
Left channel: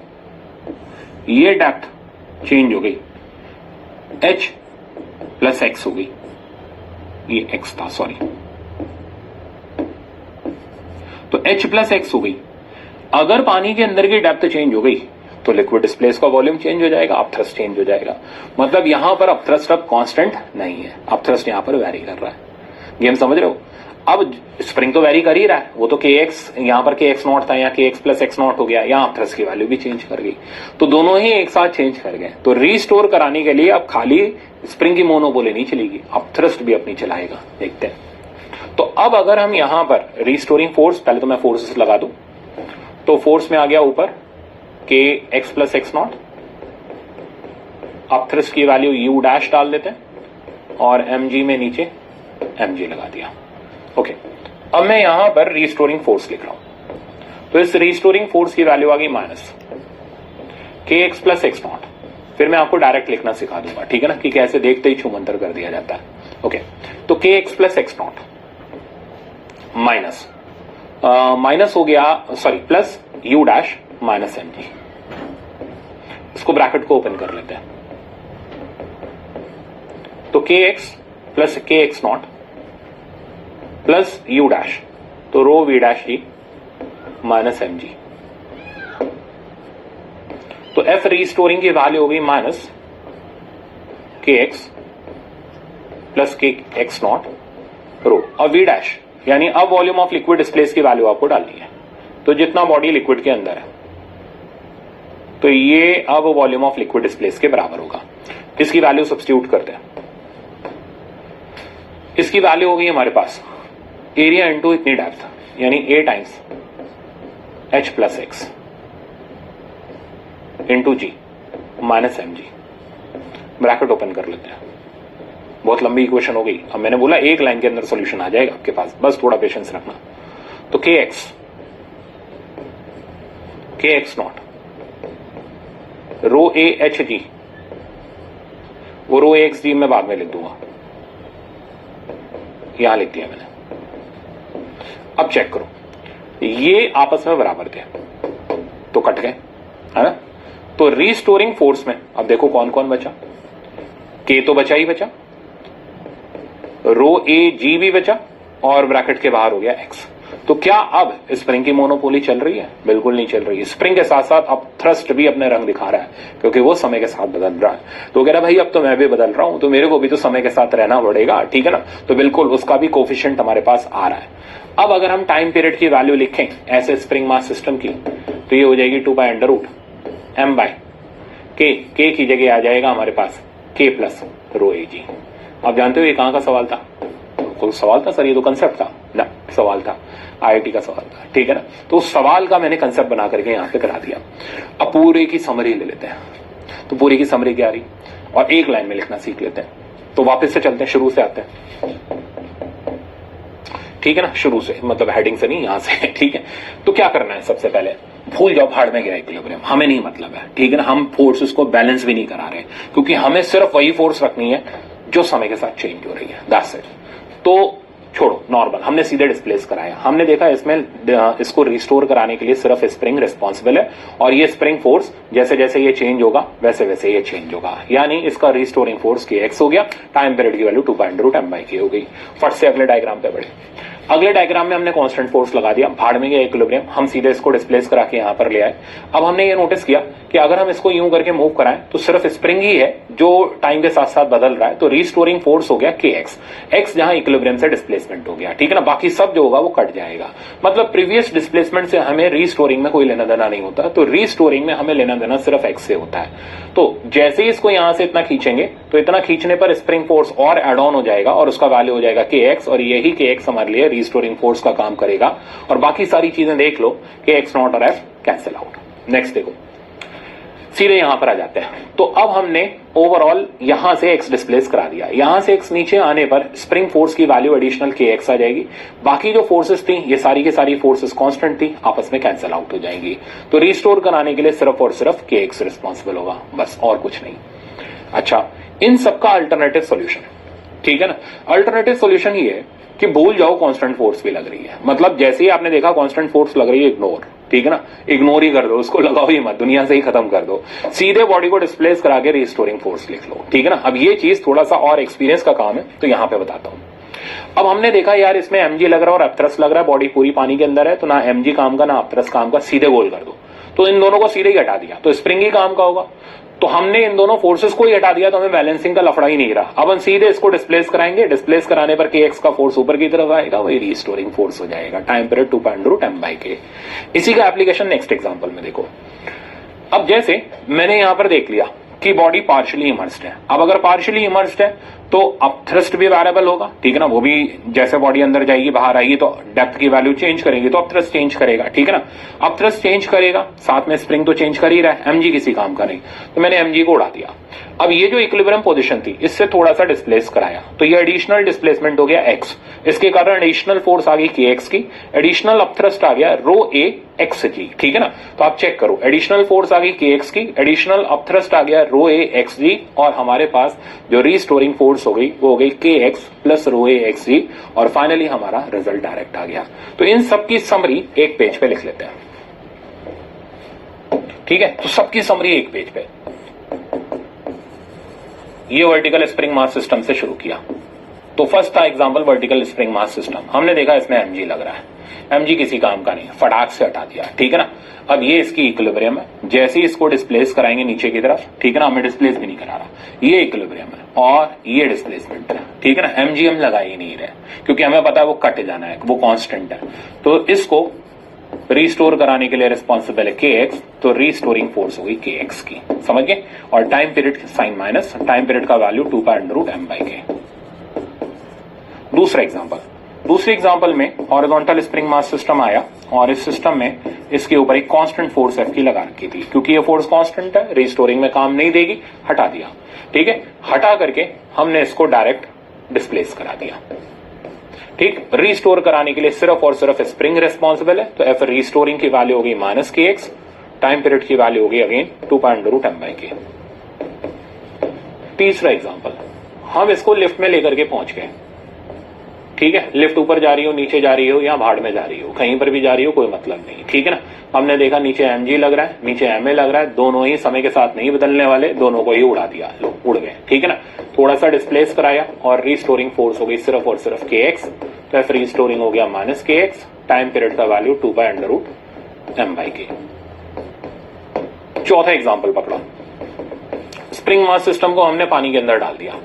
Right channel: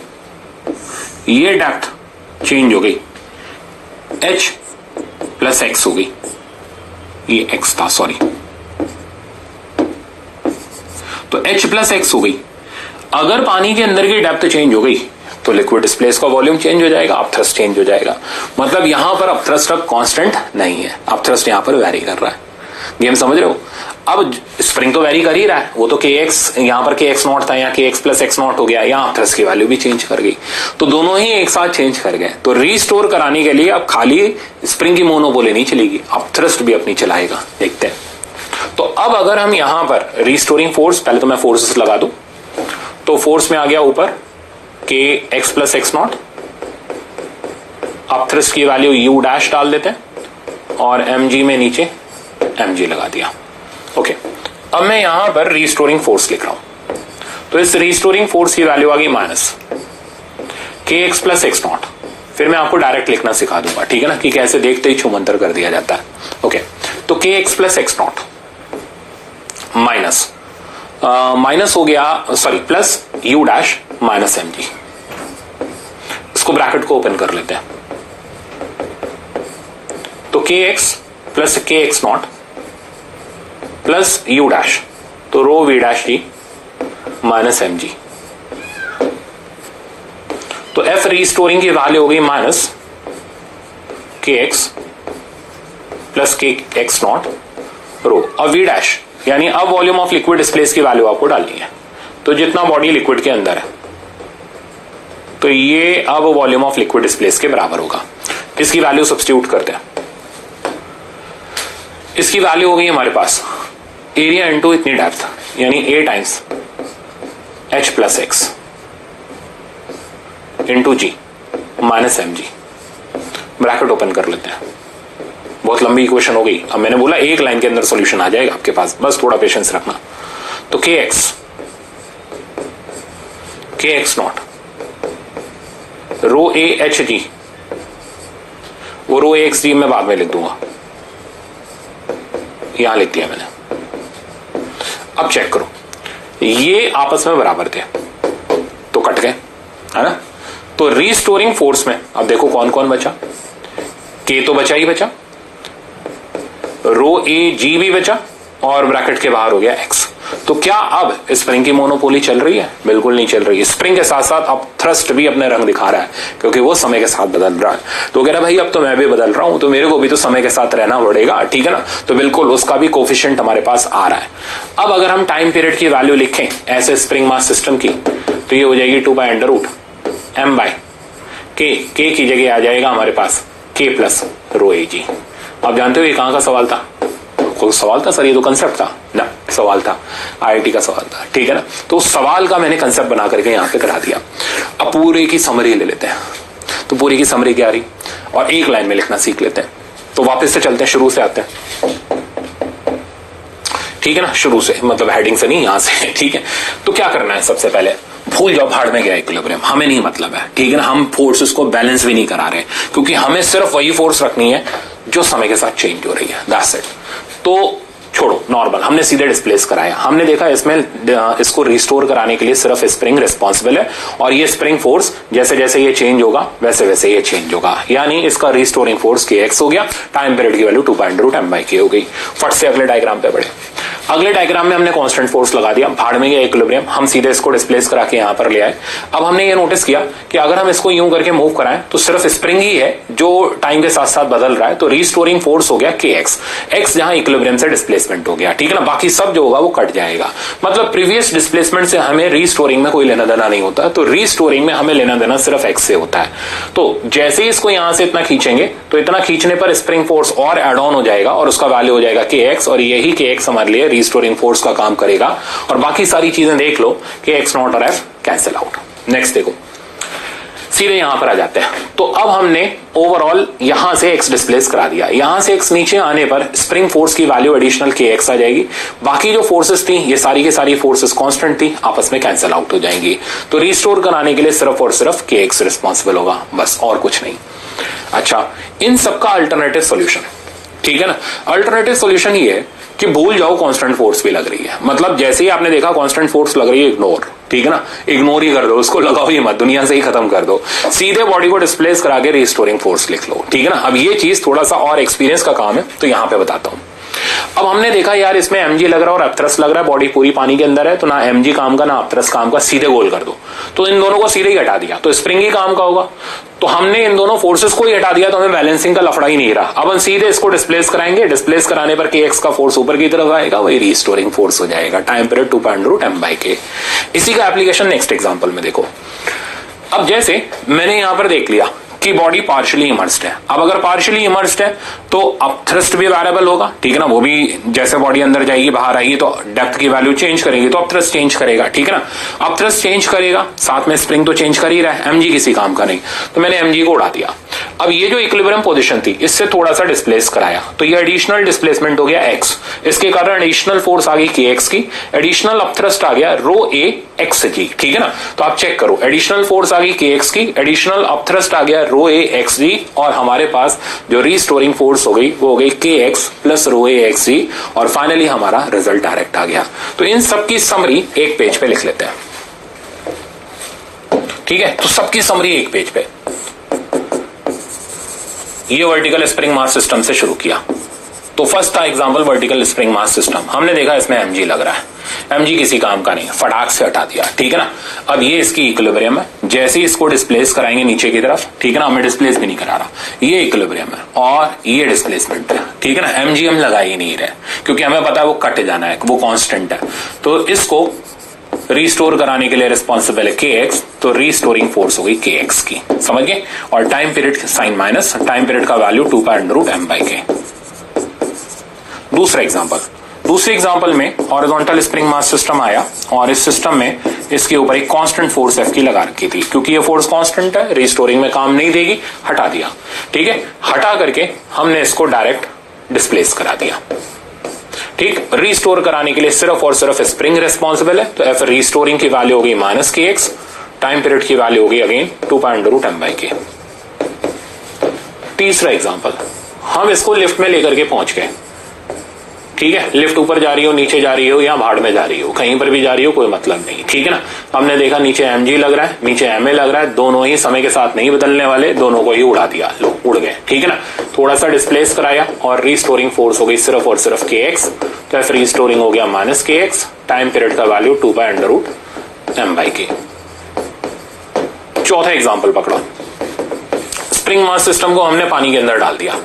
ये डेप्थ चेंज हो गई, h प्लस x हो गई, ये x था सॉरी, तो h प्लस x हो गई। अगर पानी के अंदर की डेप्थ चेंज हो गई तो लिक्विड डिस्प्लेस का वॉल्यूम चेंज हो जाएगा, अपथ्रस्ट चेंज हो जाएगा। मतलब यहां पर अपथ्रस्ट अब कांस्टेंट नहीं है, अपथ्रस्ट यहां पर वेरी कर रहा है। गेम समझ रहे हो? अब स्प्रिंग तो वेरी कर ही रहा है, वो तो kx यहां पर kx नॉट था, यहाँ kx प्लस x नॉट हो गया, यहाँ अपथ्रस्ट की वैल्यू भी चेंज कर गई, तो दोनों ही एक साथ चेंज कर गए। तो रीस्टोर कराने के लिए अब खाली स्प्रिंग की मोनोपोली नहीं चलेगी, अपथ्रस्ट भी अपनी चलाएगा। देखते हैं। तो अब अगर हम यहां पर रीस्टोरिंग फोर्स, पहले तो मैं फोर्सेस लगा दूं, तो फोर्स में आ गया ऊपर kx plus x not, upthrust की वैल्यू u डैश डाल देते हैं और mg में नीचे mg लगा दिया। ओके, अब मैं यहां पर रीस्टोरिंग फोर्स लिख रहा हूं, तो इस रीस्टोरिंग फोर्स की वैल्यू आ गई minus kx plus x not. फिर मैं आपको डायरेक्ट लिखना सिखा दूंगा, ठीक है ना, कि कैसे देखते ही छुमंतर कर दिया जाता है। ओके, तो kx plus x not minus हो गया, sorry plus u dash minus mg। इसको ब्रैकेट को ओपन कर लेते हैं, तो kx plus kx not plus u dash, तो rho v dash D minus mg। तो f रीस्टोरिंग की वैल्यू हो गई minus kx plus kx not rho. अब v डैश यानी अब वॉल्यूम ऑफ लिक्विड डिस्प्लेस की वैल्यू आपको डालनी है, तो जितना बॉडी लिक्विड के अंदर है तो ये अब वॉल्यूम ऑफ लिक्विड डिस्प्लेस के बराबर होगा। इसकी वैल्यू सब्स्टिट्यूट करते हैं, इसकी वैल्यू हो गई हमारे पास एरिया इनटू इतनी डेप्थ, यानी a times h plus x into g minus mg। Bracket open कर लेते हैं। बहुत लंबी इक्वेशन हो गई। अब मैंने बोला एक लाइन के अंदर सॉल्यूशन आ जाएगा आपके पास, बस थोड़ा पेशेंस रखना। तो kx not rho a h g, वो रो एक्स जी मैं बाद में लिख दूंगा, यहां लिख दिया मैंने। अब चेक करो, ये आपस में बराबर थे तो कट गए, है ना। तो रीस्टोरिंग फोर्स में अब देखो कौन कौन बचा, के तो बचा ही बचा, रो ए जी भी बचा, और ब्रैकेट के बाहर हो गया एक्स। तो क्या अब स्प्रिंग की मोनोपोली चल रही है? बिल्कुल नहीं चल रही है। स्प्रिंग के साथ साथ अब थ्रस्ट भी अपने रंग दिखा रहा है, क्योंकि वो समय के साथ बदल रहा है। तो कह रहा भाई अब तो मैं भी बदल रहा हूं, तो मेरे को भी तो समय के साथ रहना पड़ेगा, ठीक है ना। तो बिल्कुल उसका भी कोफिशिएंट हमारे पास आ रहा है। अब अगर हम टाइम पीरियड की वैल्यू लिखें ऐसे स्प्रिंग मास सिस्टम की, तो ये हो जाएगी 2/√m/k। के की जगह आ जाएगा हमारे पास k प्लस रो ए जी। आप जानते हो ये कहां का सवाल था? कोई सवाल था सर? ये तो कंसेप्ट था ना, सवाल था, आईआईटी का सवाल था, ठीक है ना। तो उस सवाल का मैंने कंसेप्ट बना करके यहां पे करा दिया। अब पूरे की समरी ले लेते हैं। तो पूरी की समरी क्या रही, और एक लाइन में लिखना सीख लेते हैं। तो वापस से चलते हैं, शुरू से आते हैं, ठीक है ना, शुरू से, मतलब हेडिंग से नहीं, यहां से, ठीक है। तो क्या करना है, सबसे पहले भूल जाओ भाड़ में गया इक्विलिब्रियम, हमें नहीं मतलब है, ठीक है ना। हम फोर्सेस को बैलेंस भी नहीं करा रहे, क्योंकि हमें सिर्फ वही फोर्स रखनी है जो समय के साथ चेंज हो रही है, दैट्स इट। तो छोड़ो नॉर्मल, हमने सीधे डिस्प्लेस कराया। हमने देखा इसमें इसको रिस्टोर कराने के लिए सिर्फ स्प्रिंग रिस्पॉन्सिबल है, और ये स्प्रिंग फोर्स जैसे जैसे ये चेंज होगा वैसे वैसे ये चेंज होगा, यानी इसका रिस्टोरिंग फोर्स kx हो गया, टाइम पीरियड की वैल्यू 2/√m/k हो गई। फट से अगले डायग्राम पे बढ़े। अगले डायग्राम में हमने कांस्टेंट फोर्स लगा दिया, भाड़ में गया इक्विलिब्रियम, हम सीधे इसको डिस्प्लेस करा के यहां पर ले आए। अब हमने ये नोटिस किया कि अगर हम इसको यूं करके मूव कराएं तो सिर्फ स्प्रिंग ही है जो टाइम के साथ साथ बदल रहा है। तो रिस्टोरिंग फोर्स हो गया kx, x जहां इक्विलिब्रियम से डिस्प्लेसमेंट हो गया, ठीक है ना। बाकी सब जो होगा वो कट जाएगा। मतलब प्रीवियस डिस्प्लेसमेंट से हमें रिस्टोरिंग में कोई लेना देना नहीं होता, तो रिस्टोरिंग में हमें लेना देना सिर्फ x से होता है। तो जैसे ही इसको यहां से इतना खींचेंगे तो इतना खींचने पर स्प्रिंग फोर्स और एड ऑन हो जाएगा, और उसका वैल्यू हो जाएगा kx, और यही kx हमारे लिए रिस्टोरिंग फोर्स का काम करेगा। और बाकी सारी चीजें देख लो कि x नॉट और f कैंसिल आउट। नेक्स्ट देखो, सीधे यहां पर आ जाते हैं। तो अब हमने ओवरऑल यहां से x डिस्प्लेस करा दिया, यहां से x नीचे आने पर स्प्रिंग फोर्स की वैल्यू एडिशनल kx आ जाएगी। बाकी जो फोर्सेस थी ये सारी की सारी फोर्सेस कांस्टेंट थी, आपस में कैंसिल आउट हो जाएंगी। तो रिस्टोर कराने के लिए सिर्फ और सिर्फ kx रिस्पॉन्सिबल होगा, बस और कुछ नहीं। अच्छा, इन सबका अल्टरनेटिव सॉल्यूशन, ठीक है ना। अल्टरनेटिव सॉल्यूशन ये है कि भूल जाओ कांस्टेंट फोर्स भी लग रही है। मतलब जैसे ही आपने देखा कांस्टेंट फोर्स लग रही है, इग्नोर, ठीक है ना, इग्नोर ही कर दो उसको, लगाओ ही मत, दुनिया से ही खत्म कर दो, सीधे बॉडी को डिस्प्लेस करा के रिस्टोरिंग फोर्स लिख लो, ठीक है ना। अब ये चीज थोड़ा सा और एक्सपीरियंस का काम है, तो यहां पे बताता हूं। अब हमने देखा यार इसमें mg लग रहा है और अपथ्रस्ट लग रहा है, बॉडी पूरी पानी के अंदर है, तो ना mg काम का ना अपथ्रस्ट काम का, सीधे गोल कर दो। तो इन दोनों को सीधे ही हटा दिया, तो स्प्रिंग ही काम का होगा। तो हमने इन दोनों फोर्सेस को ही हटा दिया, तो हमें बैलेंसिंग का लफड़ा ही नहीं रहा। अब हम सीधे इसको डिस्प्लेस कराएंगे, डिस्प्लेस कराने पर kx का फोर्स ऊपर की तरफ आएगा, वही रिस्टोरिंग फोर्स हो जाएगा, टाइम पीरियड 2.√m/k। इसी का एप्लीकेशन नेक्स्ट एग्जांपल में देखो। अब जैसे मैंने यहां पर देख लिया कि बॉडी पार्शियली इमर्स्ड है। अब अगर पार्शियली इमर्स्ड है तो अपथ्रस्ट भी वेरिएबल होगा, ठीक है ना, वो भी जैसे बॉडी अंदर जाएगी बाहर आएगी तो डेप्थ की वैल्यू चेंज करेंगे, तो अपथ्रस्ट चेंज करेगा, ठीक है ना। अपथ्रस्ट चेंज करेगा, साथ में स्प्रिंग तो चेंज कर ही रहा है, mg किसी काम का नहीं, तो मैंने mg को उड़ा दिया। अब ये जो इक्विलिब्रियम पोजीशन थी इससे थोड़ा सा डिस्प्लेस कराया, तो ये एडिशनल डिस्प्लेसमेंट हो गया x, इसके कारण एडिशनल फोर्स आ गई kx की, एडिशनल अपथ्रस्ट आ गया ρ(a)xg, ठीक है ना। तो आप चेक करो, एडिशनल फोर्स आ गई kx की, एडिशनल अपथ्रस्ट आ गया ρ(a)xg, और हमारे पास जो रिस्टोरिंग फोर्स हो गई वो हो गई kx प्लस ρ(a)xg, और फाइनली हमारा रिजल्ट डायरेक्ट आ गया। तो इन सबकी समरी एक पेज पे लिख लेते हैं, ठीक है। तो सबकी समरी एक पेज पे। ये वर्टिकल स्प्रिंग मास सिस्टम से शुरू किया, तो फर्स्ट था example vertical spring mass system. हमने देखा इसमें mg लग रहा है, mg किसी काम का नहीं, फटाक से हटा दिया, ठीक है ना। अब ये इसकी इक्विलिब्रियम है, जैसे ही इसको डिस्प्लेस कराएंगे नीचे की तरफ, ठीक है ना, हमें डिस्प्लेस भी नहीं करा रहा, ये इक्विलिब्रियम है और ये डिस्प्लेसमेंट है, ठीक है ना। mg हम लगा ही नहीं रहे क्योंकि हमें पता है वो कट जाना है, वो कांस्टेंट है। तो इसको रिस्टोर कराने के लिए रिस्पॉन्सिबल है kx, तो रिस्टोरिंग फोर्स हो गई kx की, समझ गए। और time period sine minus, time period का वैल्यू 2.√m/k। दूसरा एग्जांपल, दूसरे एग्जांपल में हॉरिजॉन्टल स्प्रिंग मास सिस्टम आया और इस सिस्टम में इसके ऊपर एक कांस्टेंट फोर्स F की लगा रखी थी, क्योंकि ये फोर्स कांस्टेंट है, रिस्टोरिंग में काम नहीं देगी, हटा दिया, ठीक है। हटा करके हमने इसको डायरेक्ट डिस्प्लेस करा दिया, ठीक। रिस्टोर कराने के लिए सिर्फ और सिर्फ स्प्रिंग रिस्पॉन्सिबल है, तो F रिस्टोरिंग की वैल्यू होगी -kx, टाइम पीरियड की वैल्यू होगी अगेन 2.√m/k। तीसरा एग्जांपल, हम इसको लिफ्ट में लेकर के पहुंच गए, ठीक है। लिफ्ट ऊपर जा रही हो, नीचे जा रही हो, या भाड़ में जा रही हो, कहीं पर भी जा रही हो, कोई मतलब नहीं, ठीक है ना। हमने देखा नीचे mg लग रहा है, नीचे ma लग रहा है, दोनों ही समय के साथ नहीं बदलने वाले, दोनों को ही उड़ा दिया, लो उड़ गए, ठीक है ना। थोड़ा सा डिस्प्लेस कराया और रिस्टोरिंग फोर्स हो गई सिर्फ और सिर्फ kx, तो F रिस्टोरिंग हो गया -kx, टाइम पीरियड का वैल्यू 2.√m/k। चौथा एग्जाम्पल पकड़ो, स्प्रिंग मास सिस्टम को हमने पानी के अंदर डाल दिया,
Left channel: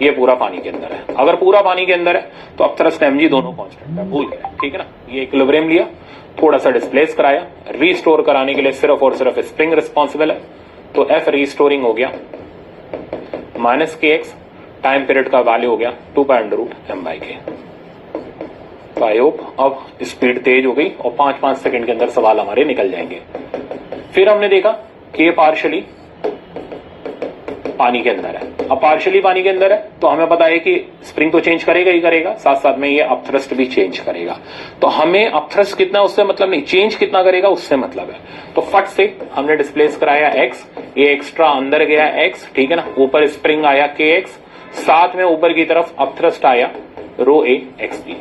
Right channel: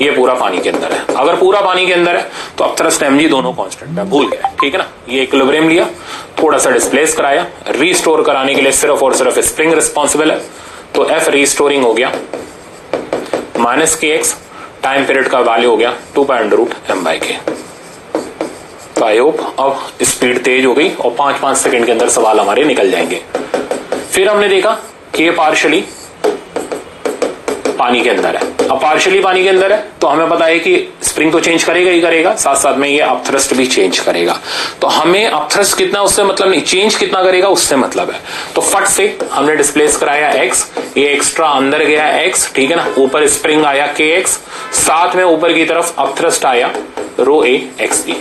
ये पूरा पानी के अंदर है। अगर पूरा पानी के अंदर है तो अपथ्रस्ट mg दोनों कांस्टेंट है, भूल गए, ठीक है ना। ये इक्विलिब्रियम लिया, थोड़ा सा डिस्प्लेस कराया, रिस्टोर कराने के लिए सिर्फ और सिर्फ स्प्रिंग रिस्पॉन्सिबल है, तो F रिस्टोरिंग हो गया -kx, टाइम पीरियड का वैल्यू हो गया 2.√m/k। तो आई होप अब स्पीड तेज हो गई और 5-5 सेकंड के अंदर सवाल हमारे निकल जाएंगे। फिर हमने देखा कि ये पार्शियली पानी के अंदर है। अब पार्शियली पानी के अंदर है तो हमें पता है कि स्प्रिंग तो चेंज करेगा ही करेगा, साथ साथ में ये अपथ्रस्ट भी चेंज करेगा। तो हमें अपथ्रस्ट कितना उससे मतलब नहीं, चेंज कितना करेगा उससे मतलब है। तो फट से हमने डिस्प्लेस कराया x, ये एक्स्ट्रा अंदर गया x, ठीक है ना। ऊपर स्प्रिंग आया kx, साथ में ऊपर की तरफ अपथ्रस्ट आया ρ(a)xg,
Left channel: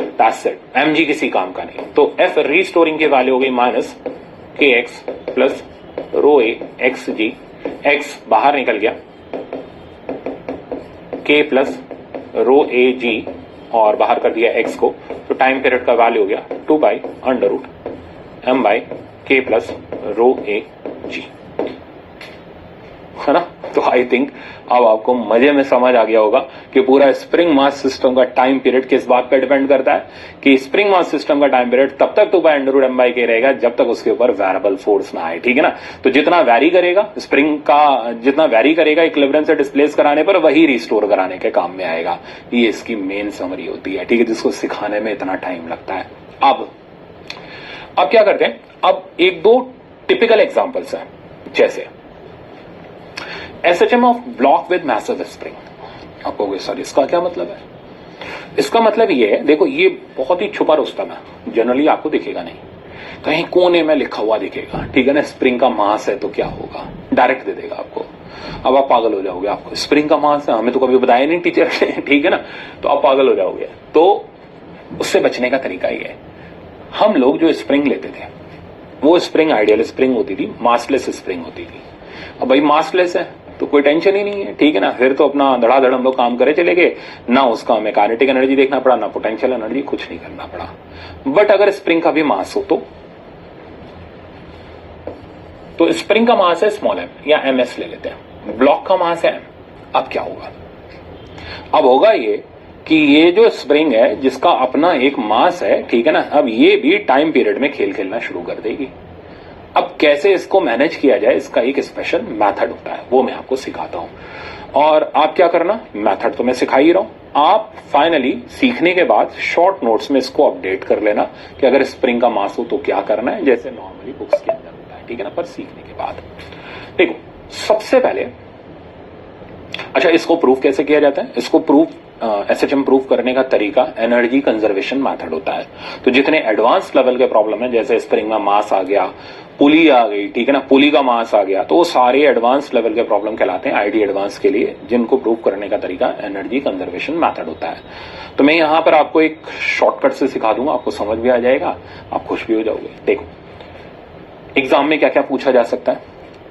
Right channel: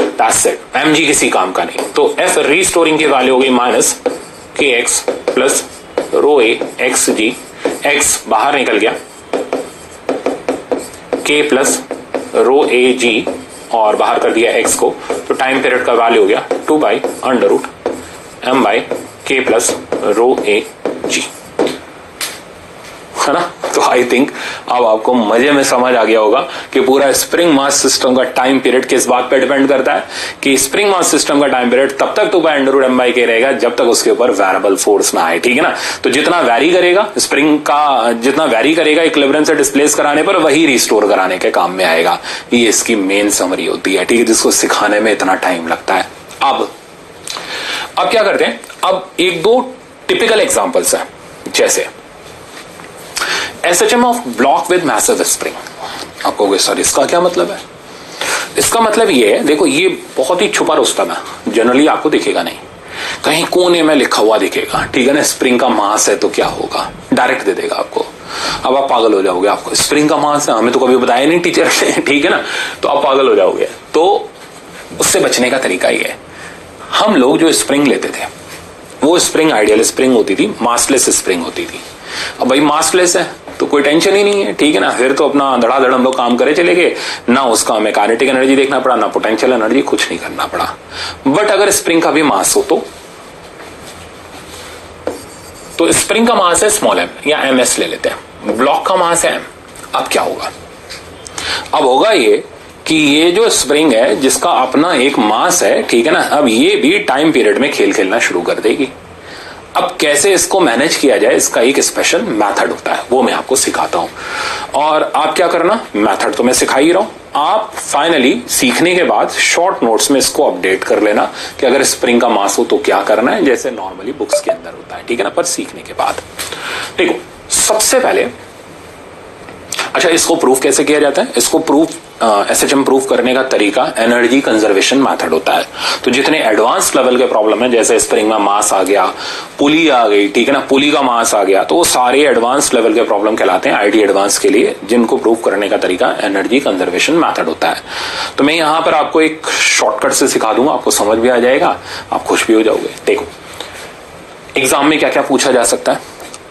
दैट्स इट, mg किसी काम का नहीं। तो F रिस्टोरिंग की वैल्यू हो गई -kx प्लस ρ(a)xg, x बाहर निकल गया, k प्लस ρ(a)g और बाहर कर दिया x को, तो टाइम पीरियड का वैल्यू हो गया 2/√m/k प्लस ρ(a)g, है ना। तो आई थिंक अब आपको मजे में समझ आ गया होगा कि पूरा स्प्रिंग मास सिस्टम का टाइम पीरियड किस बात पे डिपेंड करता है, कि स्प्रिंग मास सिस्टम का टाइम पीरियड तब तक 2/√m/k रहेगा जब तक उसके ऊपर वेरिएबल फोर्स ना आए, ठीक है ना। तो जितना वैरी करेगा स्प्रिंग का, जितना वैरी करेगा इक्विलिब्रियम से डिस्प्लेस कराने पर, वही रिस्टोर कराने के काम में आएगा। ये इसकी मेन समरी होती है, ठीक है, जिसको सिखाने में इतना टाइम लगता है। अब क्या करते हैं, अब एक दो टिपिकल एग्जांपल्स हैं, जैसे SHM of block with massive spring. आप कहोगे सर इसका क्या मतलब है? इसका मतलब ये है, देखो ये बहुत ही छुपा रुस्तम है, जनरली आपको दिखेगा नहीं, कहीं कोने में लिखा हुआ दिखेगा, ठीक है ना। स्प्रिंग का मास है तो क्या होगा, डायरेक्ट दे देगा आपको। अब आप पागल हो जाओगे, आपको स्प्रिंग का मास है, हमें तो कभी बताया नहीं टीचर ने, ठीक है ना, तो आप पागल हो जाओगे। तो उससे बचने का तरीका ये है, हम लोग जो स्प्रिंग लेते थे वो स्प्रिंग आइडियल स्प्रिंग होती थी, मासलेस स्प्रिंग होती थी। अब भाई मासलेस है तो कोई टेंशन ही नहीं है, ठीक है ना, फिर तो अपना धड़ाधड़ हम लोग काम करे चले गए, ना उसका हमें काइनेटिक एनर्जी देखना पड़ा, ना पोटेंशियल एनर्जी, कुछ नहीं करना पड़ा। बट अगर स्प्रिंग का भी मास हो तो स्प्रिंग का मास है स्मॉल एम या एमएस ले लेते हैं, ब्लॉक का मास है एम। अब क्या होगा, अब होगा ये कि ये जो स्प्रिंग है जिसका अपना एक मास है, ठीक है ना, अब ये भी टाइम पीरियड में खेल खेलना शुरू कर देगी। अब कैसे इसको मैनेज किया जाए, इसका एक स्पेशल मेथड होता है, वो मैं आपको सिखाता हूं। और आप क्या करना, मेथड तो मैं सिखा ही रहा हूं, आप फाइनली सीखने के बाद शॉर्ट नोट्स में इसको अपडेट कर लेना कि अगर स्प्रिंग का मास हो तो क्या करना है, जैसे नॉर्मली बुक्स के अंदर होता है, ठीक है ना, पर सीखने के बाद। देखो सबसे पहले, अच्छा इसको प्रूफ कैसे किया जाता है, इसको प्रूफ एसएचएम प्रूफ करने का तरीका एनर्जी कंजर्वेशन मेथड होता है। तो जितने एडवांस लेवल के प्रॉब्लम है, जैसे स्प्रिंग में मास आ गया, पुली आ गई, ठीक है ना, पुली का मास आ गया, तो वो सारे एडवांस लेवल के प्रॉब्लम कहलाते हैं आईटी एडवांस के लिए, जिनको प्रूफ करने का तरीका एनर्जी कंजर्वेशन मेथड होता है। तो मैं यहां पर आपको एक शॉर्टकट से सिखा दूंगा, आपको समझ भी आ जाएगा, आप खुश भी हो जाओगे। देखो एग्जाम में क्या क्या पूछा जा सकता है,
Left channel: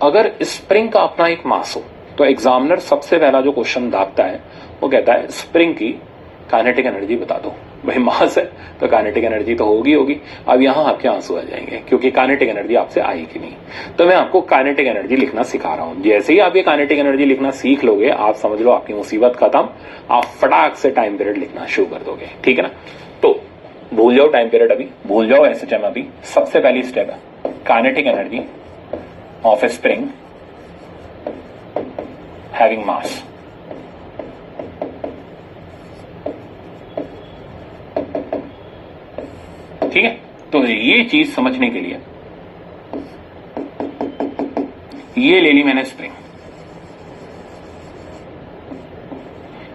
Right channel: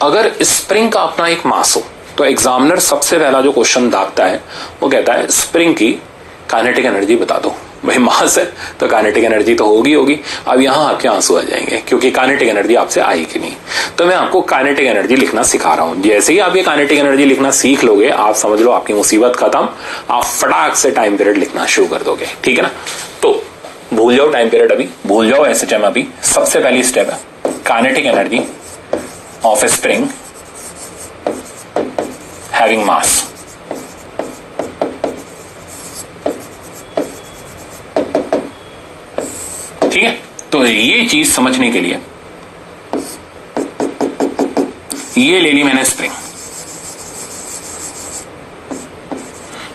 अगर स्प्रिंग का अपना एक मास हो तो एग्जामिनर सबसे पहला जो क्वेश्चन दागता है वो कहता है स्प्रिंग की काइनेटिक एनर्जी बता दो। भाई मास है तो काइनेटिक एनर्जी तो होगी। अब यहां आपके आंसू आ जाएंगे क्योंकि काइनेटिक एनर्जी आपसे आएगी नहीं। तो मैं आपको काइनेटिक एनर्जी लिखना सिखा रहा हूं, जैसे ही आप ये काइनेटिक एनर्जी लिखना सीख लोगे, आप समझ लो आपकी मुसीबत खत्म, आप फटाक से टाइम पीरियड लिखना शुरू कर दोगे, ठीक है ना। तो भूल जाओ टाइम पीरियड, अभी भूल जाओ एसएचएम। अभी सबसे पहली स्टेप है kinetic energy of A spring having mass। ठीक है, तो ये चीज समझने के लिए ये ले ली मैंने स्प्रिंग,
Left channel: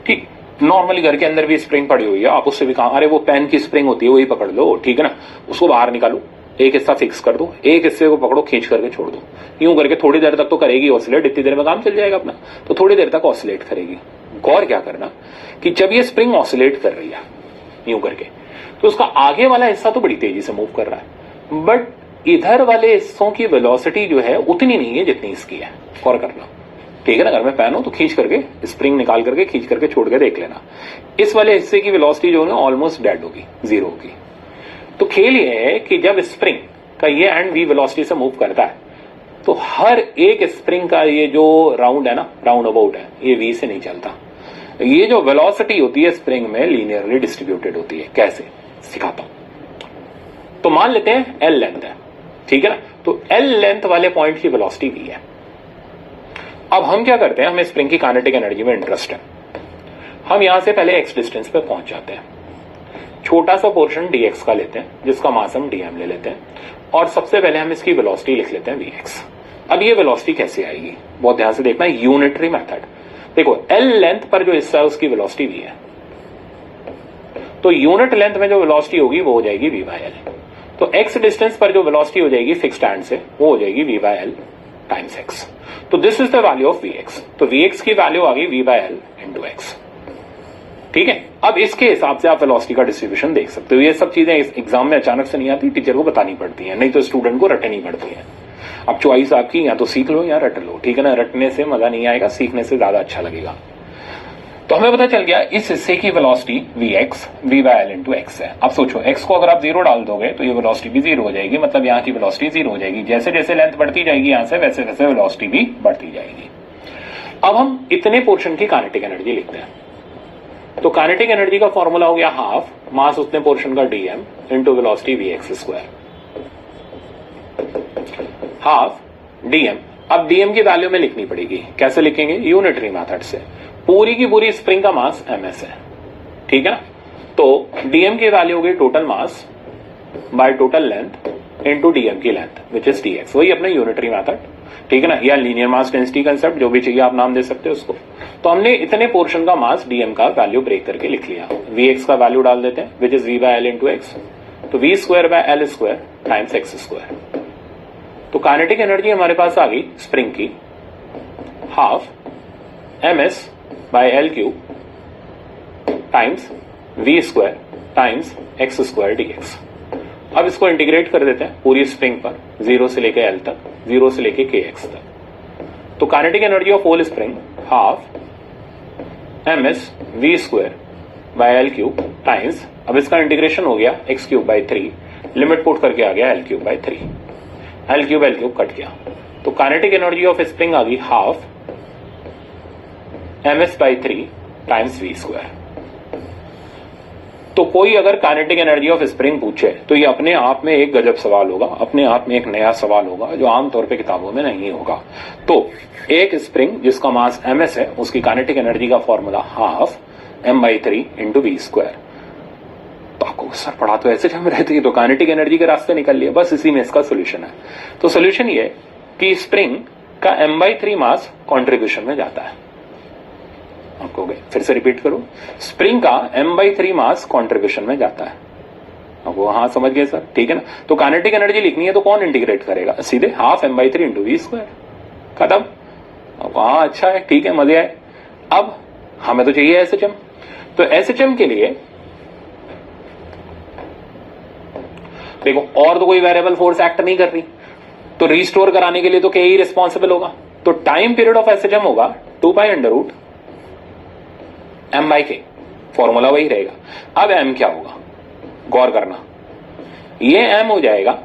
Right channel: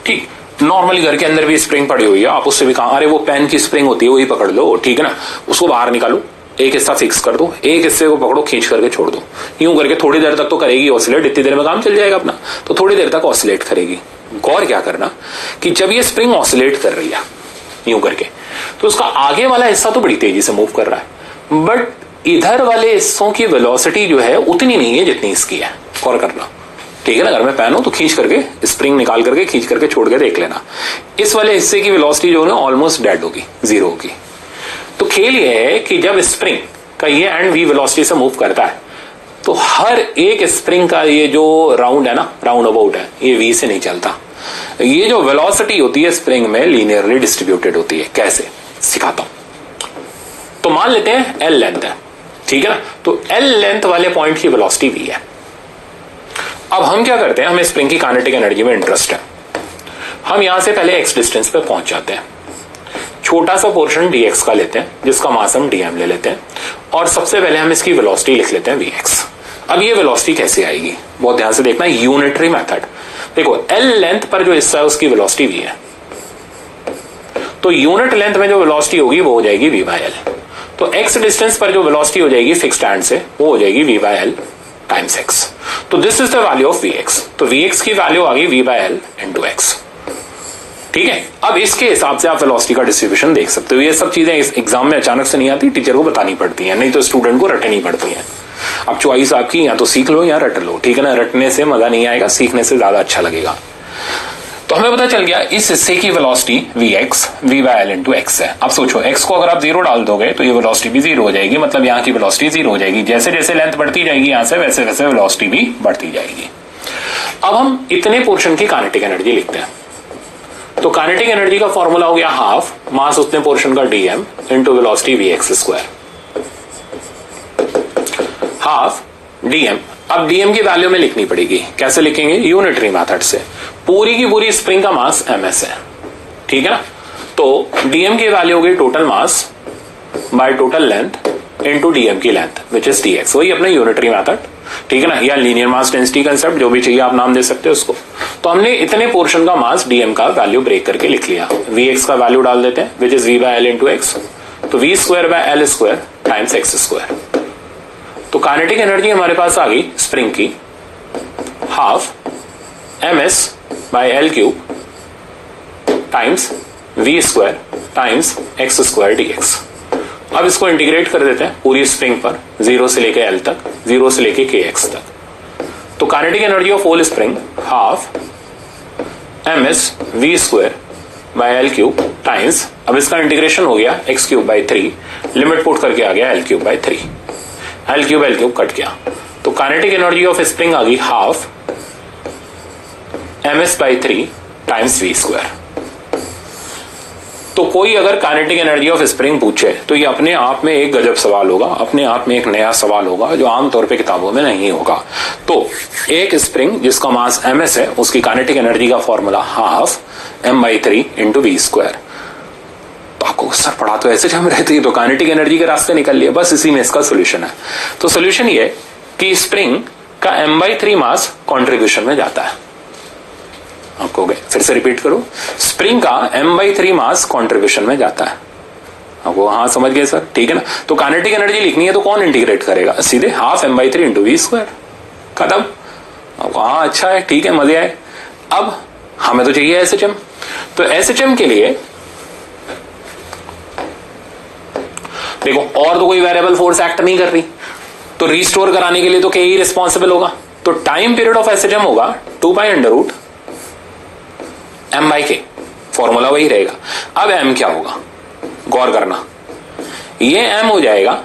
ठीक। नॉर्मली घर के अंदर भी स्प्रिंग पड़ी हुई है, आप उससे भी कहा अरे वो पेन की स्प्रिंग होती है वही पकड़ लो, ठीक है ना, उसको बाहर निकालो, एक हिस्सा फिक्स कर दो, एक हिस्से को पकड़ो, खींच करके छोड़ दो, यूं करके थोड़ी देर तक तो करेगी ऑसिलेट, इतनी देर में काम चल जाएगा अपना, तो थोड़ी देर तक ऑसिलेट करेगी। गौर क्या करना कि जब ये स्प्रिंग ऑसिलेट कर रही है यूं करके, तो उसका आगे वाला हिस्सा तो बड़ी तेजी से मूव कर रहा है, बट इधर वाले हिस्सों की वेलोसिटी जो है उतनी नहीं है जितनी इसकी है। गौर करना, ठीक है ना, अगर मैं पेन हो तो खींच करके स्प्रिंग निकाल करके खींच करके छोड़ के देख लेना, इस वाले हिस्से की वेलोसिटी जो है ऑलमोस्ट डेड होगी, जीरो होगी। तो खेल ये है कि जब स्प्रिंग का ये एंड वी वेलोसिटी से मूव करता है तो हर एक स्प्रिंग का ये जो राउंड है ना, राउंड अबाउट है, ये वी से नहीं चलता। ये जो वेलोसिटी होती है स्प्रिंग में लीनियरली डिस्ट्रीब्यूटेड होती है। कैसे, सिखाता हूं। तो मान लेते हैं एल लेंथ है, ठीक है ना, तो एल लेंथ वाले पॉइंट की वेलोसिटी वी है। अब हम क्या करते हैं, हमें स्प्रिंग की काइनेटिक एनर्जी में इंटरेस्ट है, हम यहां से पहले एक्स डिस्टेंस पे पहुंच जाते हैं, छोटा सा पोर्शन dx का लेते हैं जिसका मास हम dm ले लेते हैं, और सबसे पहले हम इसकी वेलोसिटी लिख लेते हैं vx। अब ये वेलोसिटी कैसे आएगी, बहुत ध्यान से देखना, यूनिटरी मेथड। देखो l लेंथ पर जो हिस्सा है उसकी वेलोसिटी v है, तो यूनिट लेंथ में जो वेलोसिटी होगी वो हो जाएगी v by l। तो x डिस्टेंस पर जो वेलोसिटी हो जाएगी फिक्स्ड हैंड से, वो हो जाएगी v by l times x। तो this is the value of vx। तो vx की वैल्यू आ गई v by l into x, ठीक है। अब इसके हिसाब से आप वेलोसिटी का डिस्ट्रीब्यूशन देख सकते हो। ये सब चीजें इस एग्जाम में अचानक से नहीं आती, टीचर को बतानी पड़ती हैं, नहीं तो स्टूडेंट को रटनी पड़ती है। अब चॉइस आपकी, या तो सीख लो या रट लो, ठीक है ना, रटने से मजा नहीं आएगा, सीखने से ज्यादा अच्छा लगेगा। तो हमें पता चल गया इस हिस्से की velocity vx v by l into x है। अब सोचो x को अगर आप जीरो डाल दोगे तो ये वेलोसिटी भी जीरो हो जाएगी, मतलब यहाँ की वेलोसिटी जीरो हो जाएगी। जैसे जैसे लेंथ बढ़ती जाएगी यहाँ से, वैसे वैसे वेलोसिटी भी बढ़ती जाएगी। अब हम इतने पोर्शन की काइनेटिक एनर्जी लिखते हैं, तो काइनेटिक एनर्जी का फॉर्मूला हो गया हाफ मास उतने पोर्शन का dm into velocity vx square, half dm। अब dm की वैल्यू में लिखनी पड़ेगी, कैसे लिखेंगे, यूनिटरी मेथड से। पूरी की पूरी स्प्रिंग का मास ms है, ठीक है ना, तो dm की वैल्यू होगी total mass by total length into dm की लेंथ विच इज dx, वही अपना यूनिटरी मेथड, ठीक है ना, या लीनियर मास डेंसिटी कंसेप्ट, जो भी चाहिए आप नाम दे सकते हो उसको। तो हमने इतने पोर्शन का मास dm का वैल्यू ब्रेक करके लिख लिया, vx का वैल्यू डाल देते हैं which is v by l into x, तो v square bye l square times x square. तो काइनेटिक एनर्जी हमारे पास आ गई स्प्रिंग की half ms bye l cube times v square times x square dx। अब इसको इंटीग्रेट कर देते हैं पूरी स्प्रिंग पर 0 से लेके l तक, 0 से लेके kx तक। तो kinetic energy of whole spring half ms v square by l cube times, अब इसका इंटीग्रेशन हो गया x cube by 3, limit put करके आ गया l cube by 3, l cube cut गया। तो काइनेटिक एनर्जी ऑफ स्प्रिंग आ गई half ms by 3 times v square. तो कोई अगर काइनेटिक एनर्जी ऑफ स्प्रिंग पूछे तो ये अपने आप में एक गजब सवाल होगा, अपने आप में एक नया सवाल होगा जो आमतौर पे किताबों में नहीं होगा। तो एक स्प्रिंग जिसका मास ms है उसकी काइनेटिक एनर्जी का formula half m by 3 into v square. तो आपको सर पढ़ा तो ऐसे हम रहती है तो काइनेटिक एनर्जी के रास्ते निकल लिए, बस इसी में इसका सोल्यूशन है। तो सोल्यूशन ये कि स्प्रिंग का m बाई 3 मास कॉन्ट्रीब्यूशन में जाता है। आपको फिर से रिपीट करो, स्प्रिंग का m बाई 3 मास कॉन्ट्रीब्यूशन में जाता है। आपको हाँ समझ गए सर, ठीक है ना। तो काइनेटिक एनर्जी लिखनी है तो कौन इंटीग्रेट करेगा, सीधे half m by 3 into v square, खत्म। आपको हाँ अच्छा है, ठीक है, मजे आए। अब हमें तो चाहिए एसएचएम, तो एसएचएम के लिए देखो और तो कोई वेरिएबल फोर्स एक्ट नहीं कर रही, तो रिस्टोर कराने के लिए तो के ही रिस्पॉन्सिबल होगा। तो टाइम पीरियड ऑफ एसएचएम होगा 2 pi under root m by k, formula वही रहेगा। अब m क्या होगा, गौर करना, ये m हो जाएगा,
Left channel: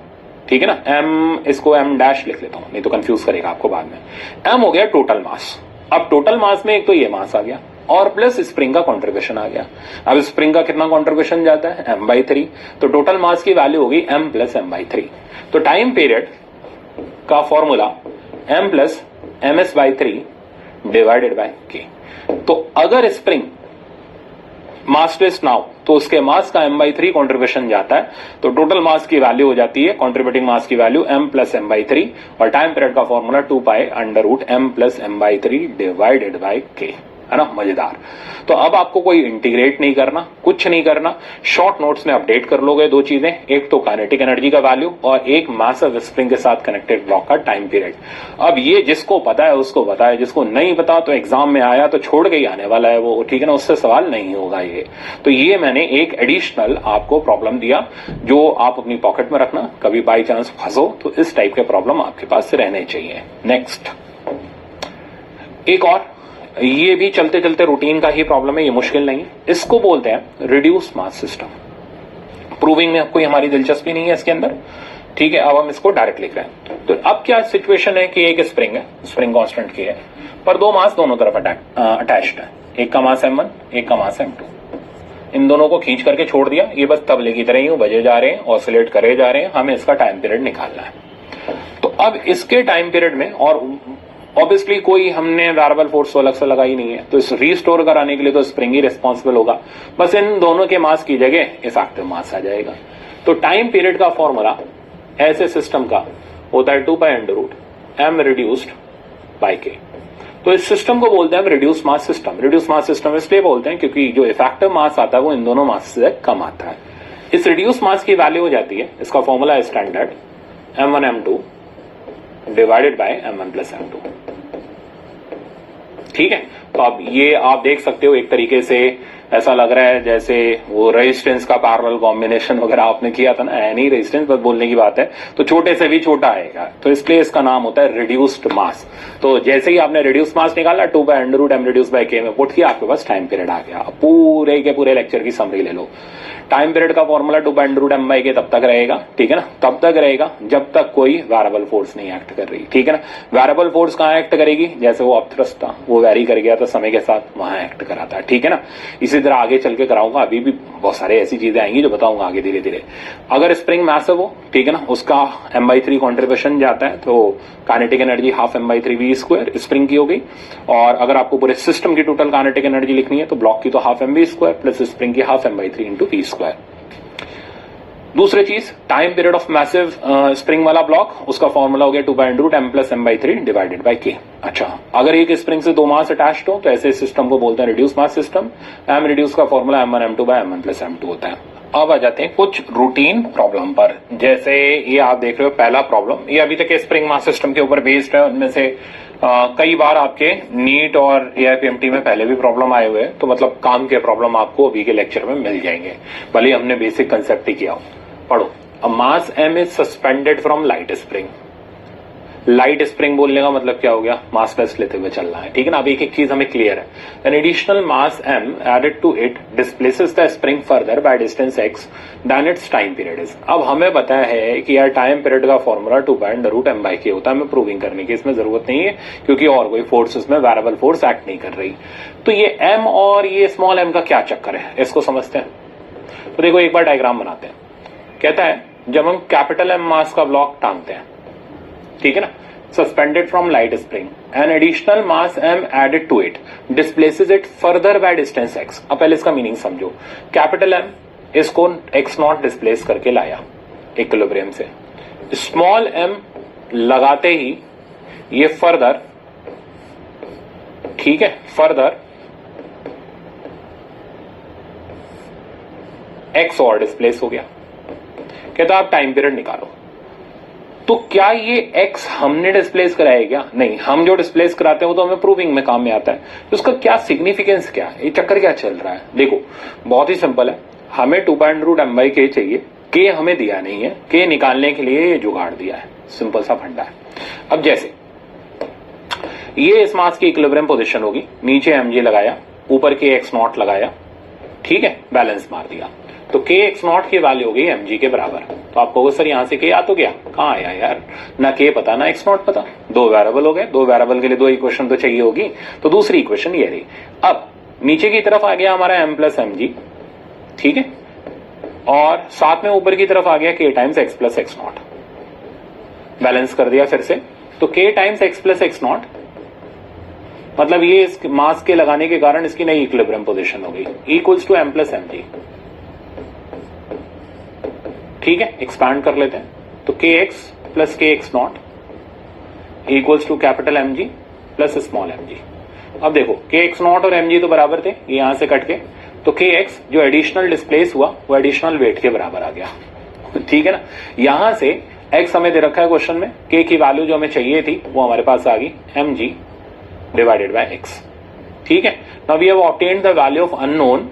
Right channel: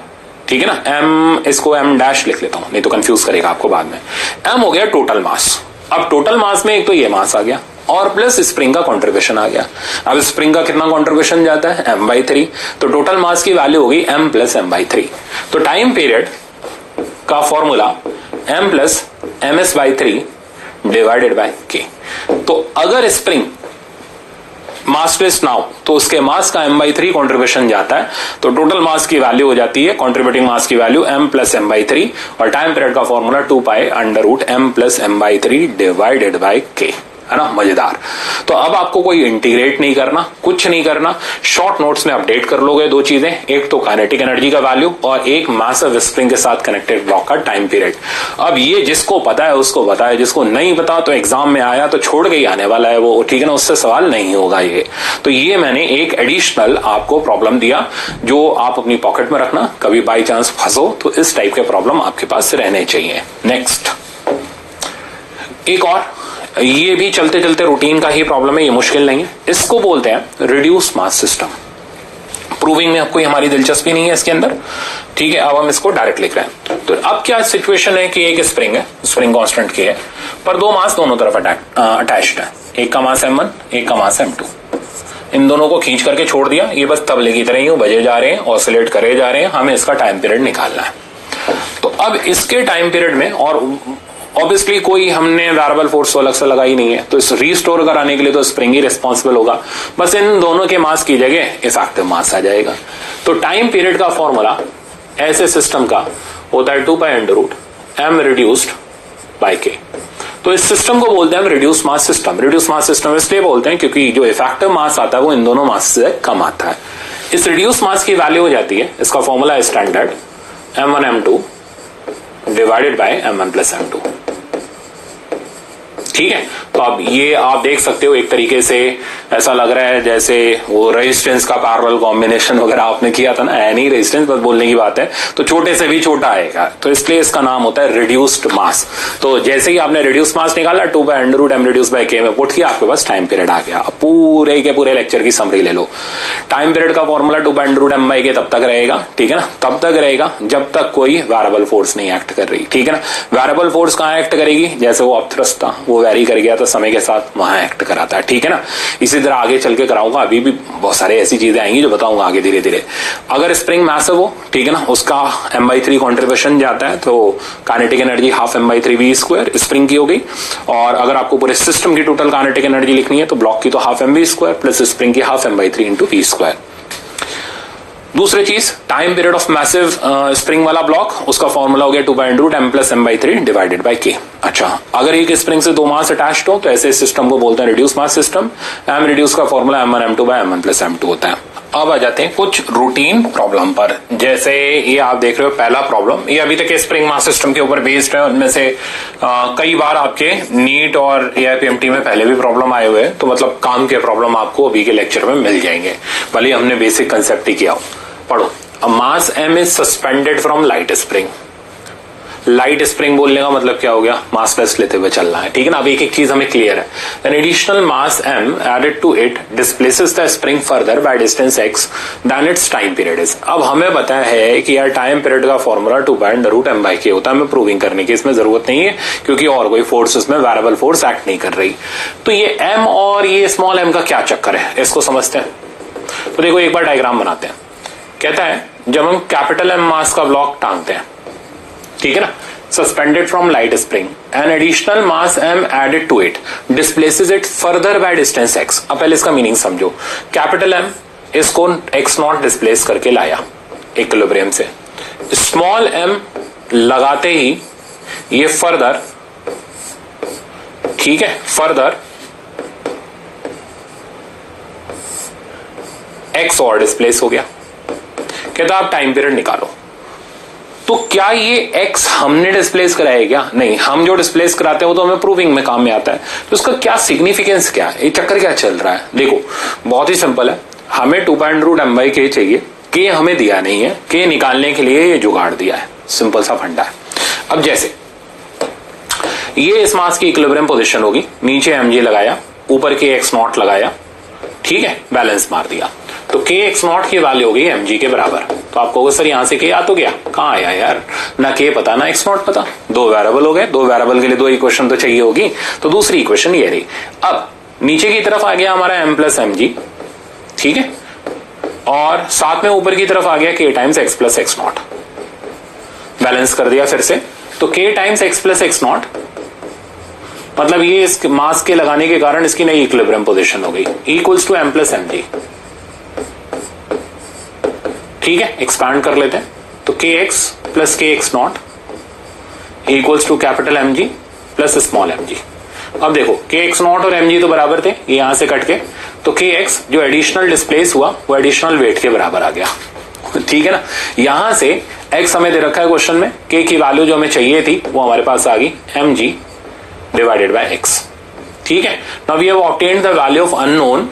ठीक है ना। m इसको m डैश लिख लेता हूं नहीं तो कंफ्यूज करेगा आपको बाद में। m हो गया टोटल मास। अब टोटल मास में एक तो ये मास आ गया और प्लस स्प्रिंग का कंट्रीब्यूशन आ गया। अब स्प्रिंग का कितना कंट्रीब्यूशन जाता है, m बाई 3, तो टोटल मास की वैल्यू होगी m प्लस m बाई 3। तो टाइम पीरियड का formula m plus ms by 3 divided by k। तो अगर स्प्रिंग मास टेस्ट ना हो तो उसके मास का m बाई 3 कॉन्ट्रीब्यूशन जाता है, तो टोटल मास की वैल्यू हो जाती है, कॉन्ट्रीब्यूटिंग मास की value m plus m by 3 और टाइम पीरियड का formula 2 pi under root m plus m by 3 divided by k, है ना। मजेदार। तो अब आपको कोई इंटीग्रेट नहीं करना, कुछ नहीं करना, शॉर्ट नोट्स में अपडेट कर लोगे दो चीजें, एक तो काइनेटिक एनर्जी का वैल्यू और एक मैसिव स्प्रिंग के साथ कनेक्टेड ब्लॉक का टाइम पीरियड। अब ये जिसको पता है उसको पता है, जिसको नहीं पता तो एग्जाम में आया तो छोड़ के ही आने वाला है वो, ठीक है ना, उससे सवाल नहीं होगा ये। तो ये मैंने एक एडिशनल आपको प्रॉब्लम दिया जो आप अपनी पॉकेट में रखना, कभी बाई चांस फंसो तो इस टाइप के प्रॉब्लम आपके पास रहने चाहिए। नेक्स्ट एक और, ये भी चलते चलते रूटीन का ही प्रॉब्लम है, ये मुश्किल नहीं है। इसको बोलते हैं रिड्यूस मास सिस्टम। प्रूविंग में आपको हमारी दिलचस्पी नहीं है इसके अंदर, ठीक है। अब हम इसको डायरेक्ट लिख रहे हैं। तो अब क्या सिचुएशन है कि एक स्प्रिंग है, स्प्रिंग कांस्टेंट की है, पर दो मास दोनों तरफ अटैच्ड है। एक का मास m1, एक का मास m2। इन दोनों को खींच करके छोड़ दिया, ये बस तबले की तरह ही बजे जा रहे हैं, ऑसिलेट करे जा रहे हैं, हमें इसका टाइम पीरियड निकालना है। तो अब इसके टाइम पीरियड में, और ऑब्वियसली कोई हमने वेरिएबल फोर्स अलग से लगाई नहीं है, तो इस रीस्टोर कराने के लिए तो स्प्रिंग ही रिस्पॉन्सिबल होगा, बस इन दोनों के मास की जगह इफेक्टिव मास आ जाएगा। तो टाइम पीरियड का फॉर्मूला ऐसे सिस्टम का होता है 2 pi under root m reduced by k। तो इस सिस्टम को बोलते हैं हम reduce mass system. Reduce mass system इसलिए बोलते हैं क्योंकि जो इफेक्टिव मास आता है वो इन दोनों मास से कम आता है। इस रिड्यूस मास की वैल्यू हो जाती है, इसका फॉर्मूला है standard m1 m2 divided by m1 plus m2, ठीक है। तो अब ये आप देख सकते हो, एक तरीके से ऐसा लग रहा है जैसे वो रेजिस्टेंस का पैरेलल कॉम्बिनेशन वगैरह आपने किया था ना, नहीं रेजिस्टेंस बस बोलने की बात है, तो छोटे से भी छोटा आएगा, तो इसलिए इसका नाम होता है रिड्यूस्ड मास। तो जैसे ही आपने रिड्यूस्ड मास निकाला 2 by under root m reduce by k में पुट किया, आपके पास टाइम पीरियड आ गया। अब पूरे के पूरे लेक्चर की समरी ले लो। टाइम पीरियड का formula 2 by under root m by k तब तक रहेगा, ठीक है ना, तब तक रहेगा जब तक कोई वेरिएबल फोर्स नहीं एक्ट कर रही, ठीक है ना। वेरिएबल फोर्स कहां एक्ट करेगी, जैसे वो अपथ्रस्ट था, वो वेरी कर गया था समय के साथ, वहां एक्ट कराता है, ठीक है ना। इसी तरह आगे चल के कराऊंगा, अभी भी बहुत सारे ऐसी चीजें आएंगी जो बताऊंगा आगे धीरे धीरे। अगर स्प्रिंग मैसिव हो, ठीक है ना, उसका m बाई 3 कॉन्ट्रीब्यूशन जाता है, तो kinetic energy half m by 3 v square spring की हो गई। और अगर आपको पूरे सिस्टम की टोटल काइनेटिक एनर्जी लिखनी है तो ब्लॉक की तो half m v square plus spring की half m by 3 into v square. दूसरी चीज, time period of massive spring वाला ब्लॉक, उसका फॉर्मूला हो गया 2 by under root m plus m by 3 divided by k। अच्छा, अगर एक स्प्रिंग से दो मास अटैच्ड हो तो ऐसे सिस्टम को बोलते हैं reduce mass system. m reduce का formula m1 m2 by m1 plus m2 होता है। अब आ जाते हैं कुछ रूटीन प्रॉब्लम पर। जैसे ये आप देख रहे हो पहला प्रॉब्लम, ये अभी तक के स्प्रिंग मास सिस्टम के ऊपर बेस्ड है। उनमें से कई बार आपके नीट और एआईपीएमटी में पहले भी प्रॉब्लम आए हुए हैं, तो मतलब काम के प्रॉब्लम आपको अभी के लेक्चर में मिल जाएंगे, भले हमने बेसिक कंसेप्ट ही किया हो। पढ़ो, mass M is suspended from light spring. Light spring बोलने का मतलब क्या हो गया, मास लेस लेते हुए चलना है, ठीक है ना। अब एक एक चीज हमें क्लियर है। An additional mass m added to it displaces the spring further by distance x then its time period is. अब हमें पता है कि यार टाइम पीरियड का फॉर्मूला 2π√m/k होता है। हमें प्रूविंग करने की इसमें जरूरत नहीं है, क्योंकि और कोई फोर्स उसमें वेरिएबल फोर्स एक्ट नहीं कर रही। तो ये m और ये स्मॉल m का क्या चक्कर है, इसको समझते हैं। तो देखो एक बार डायग्राम बनाते हैं। कहता है जब हम कैपिटल M मास का ब्लॉक टांगते हैं, ठीक है ना, suspended from light spring, an additional mass m added to it displaces it further by distance x। अब पहले इसका मीनिंग समझो। कैपिटल M इसको x0 डिस्प्लेस करके लाया इक्विलिब्रियम से, स्मॉल m लगाते ही ये फर्दर, ठीक है, फर्दर x और डिस्प्लेस हो गया। कहता आप टाइम पीरियड निकालो। तो क्या ये x हमने डिस्प्लेस कराया क्या? नहीं, हम जो डिस्प्लेस कराते हैं वो तो हमें प्रूविंग में काम में आता है। तो उसका क्या सिग्निफिकेंस क्या है, ये चक्कर क्या चल रहा है? देखो बहुत ही सिंपल है, हमें 2π√m/k चाहिए, k हमें दिया नहीं है, k निकालने के लिए ये जुगाड़ दिया है, सिंपल सा फंडा है। अब जैसे ये इस मास की इक्विलिब्रियम पोजीशन होगी, नीचे mg लगाया, ऊपर kx0 लगाया, ठीक है, बैलेंस मार दिया, तो kx0 की वैल्यू हो गई mg के बराबर। तो आप कहोगे सर यहां से k आ तो गया, कहां आया यार, ना k पता ना x0 पता, दो वेरिएबल हो गए, दो वेरिएबल के लिए दो इक्वेशन तो चाहिए होगी, तो दूसरी इक्वेशन ये रही। अब नीचे की तरफ आ गया हमारा m प्लस mg, ठीक है, और साथ में ऊपर की तरफ आ गया k times x plus x0, balance कर दिया फिर से, तो k times x plus x0 मतलब ये इस मास के लगाने के कारण इसकी नई इक्विलिब्रियम पोजीशन हो गई, equals to m plus mg, ठीक है। एक्सपैंड कर लेते हैं, तो kx plus kx0 equals to capital mg plus small mg। अब देखो kx0 और mg तो बराबर थे, ये यहां से कट के, तो kx जो एडिशनल डिस्प्लेस हुआ वो एडिशनल वेट के बराबर आ गया, ठीक है ना। यहां से x हमें दे रखा है क्वेश्चन में, k की वैल्यू जो हमें चाहिए थी वो हमारे पास आ गई mg डिवाइडेड बाय x, ठीक है। Now we have obtained the value of unknown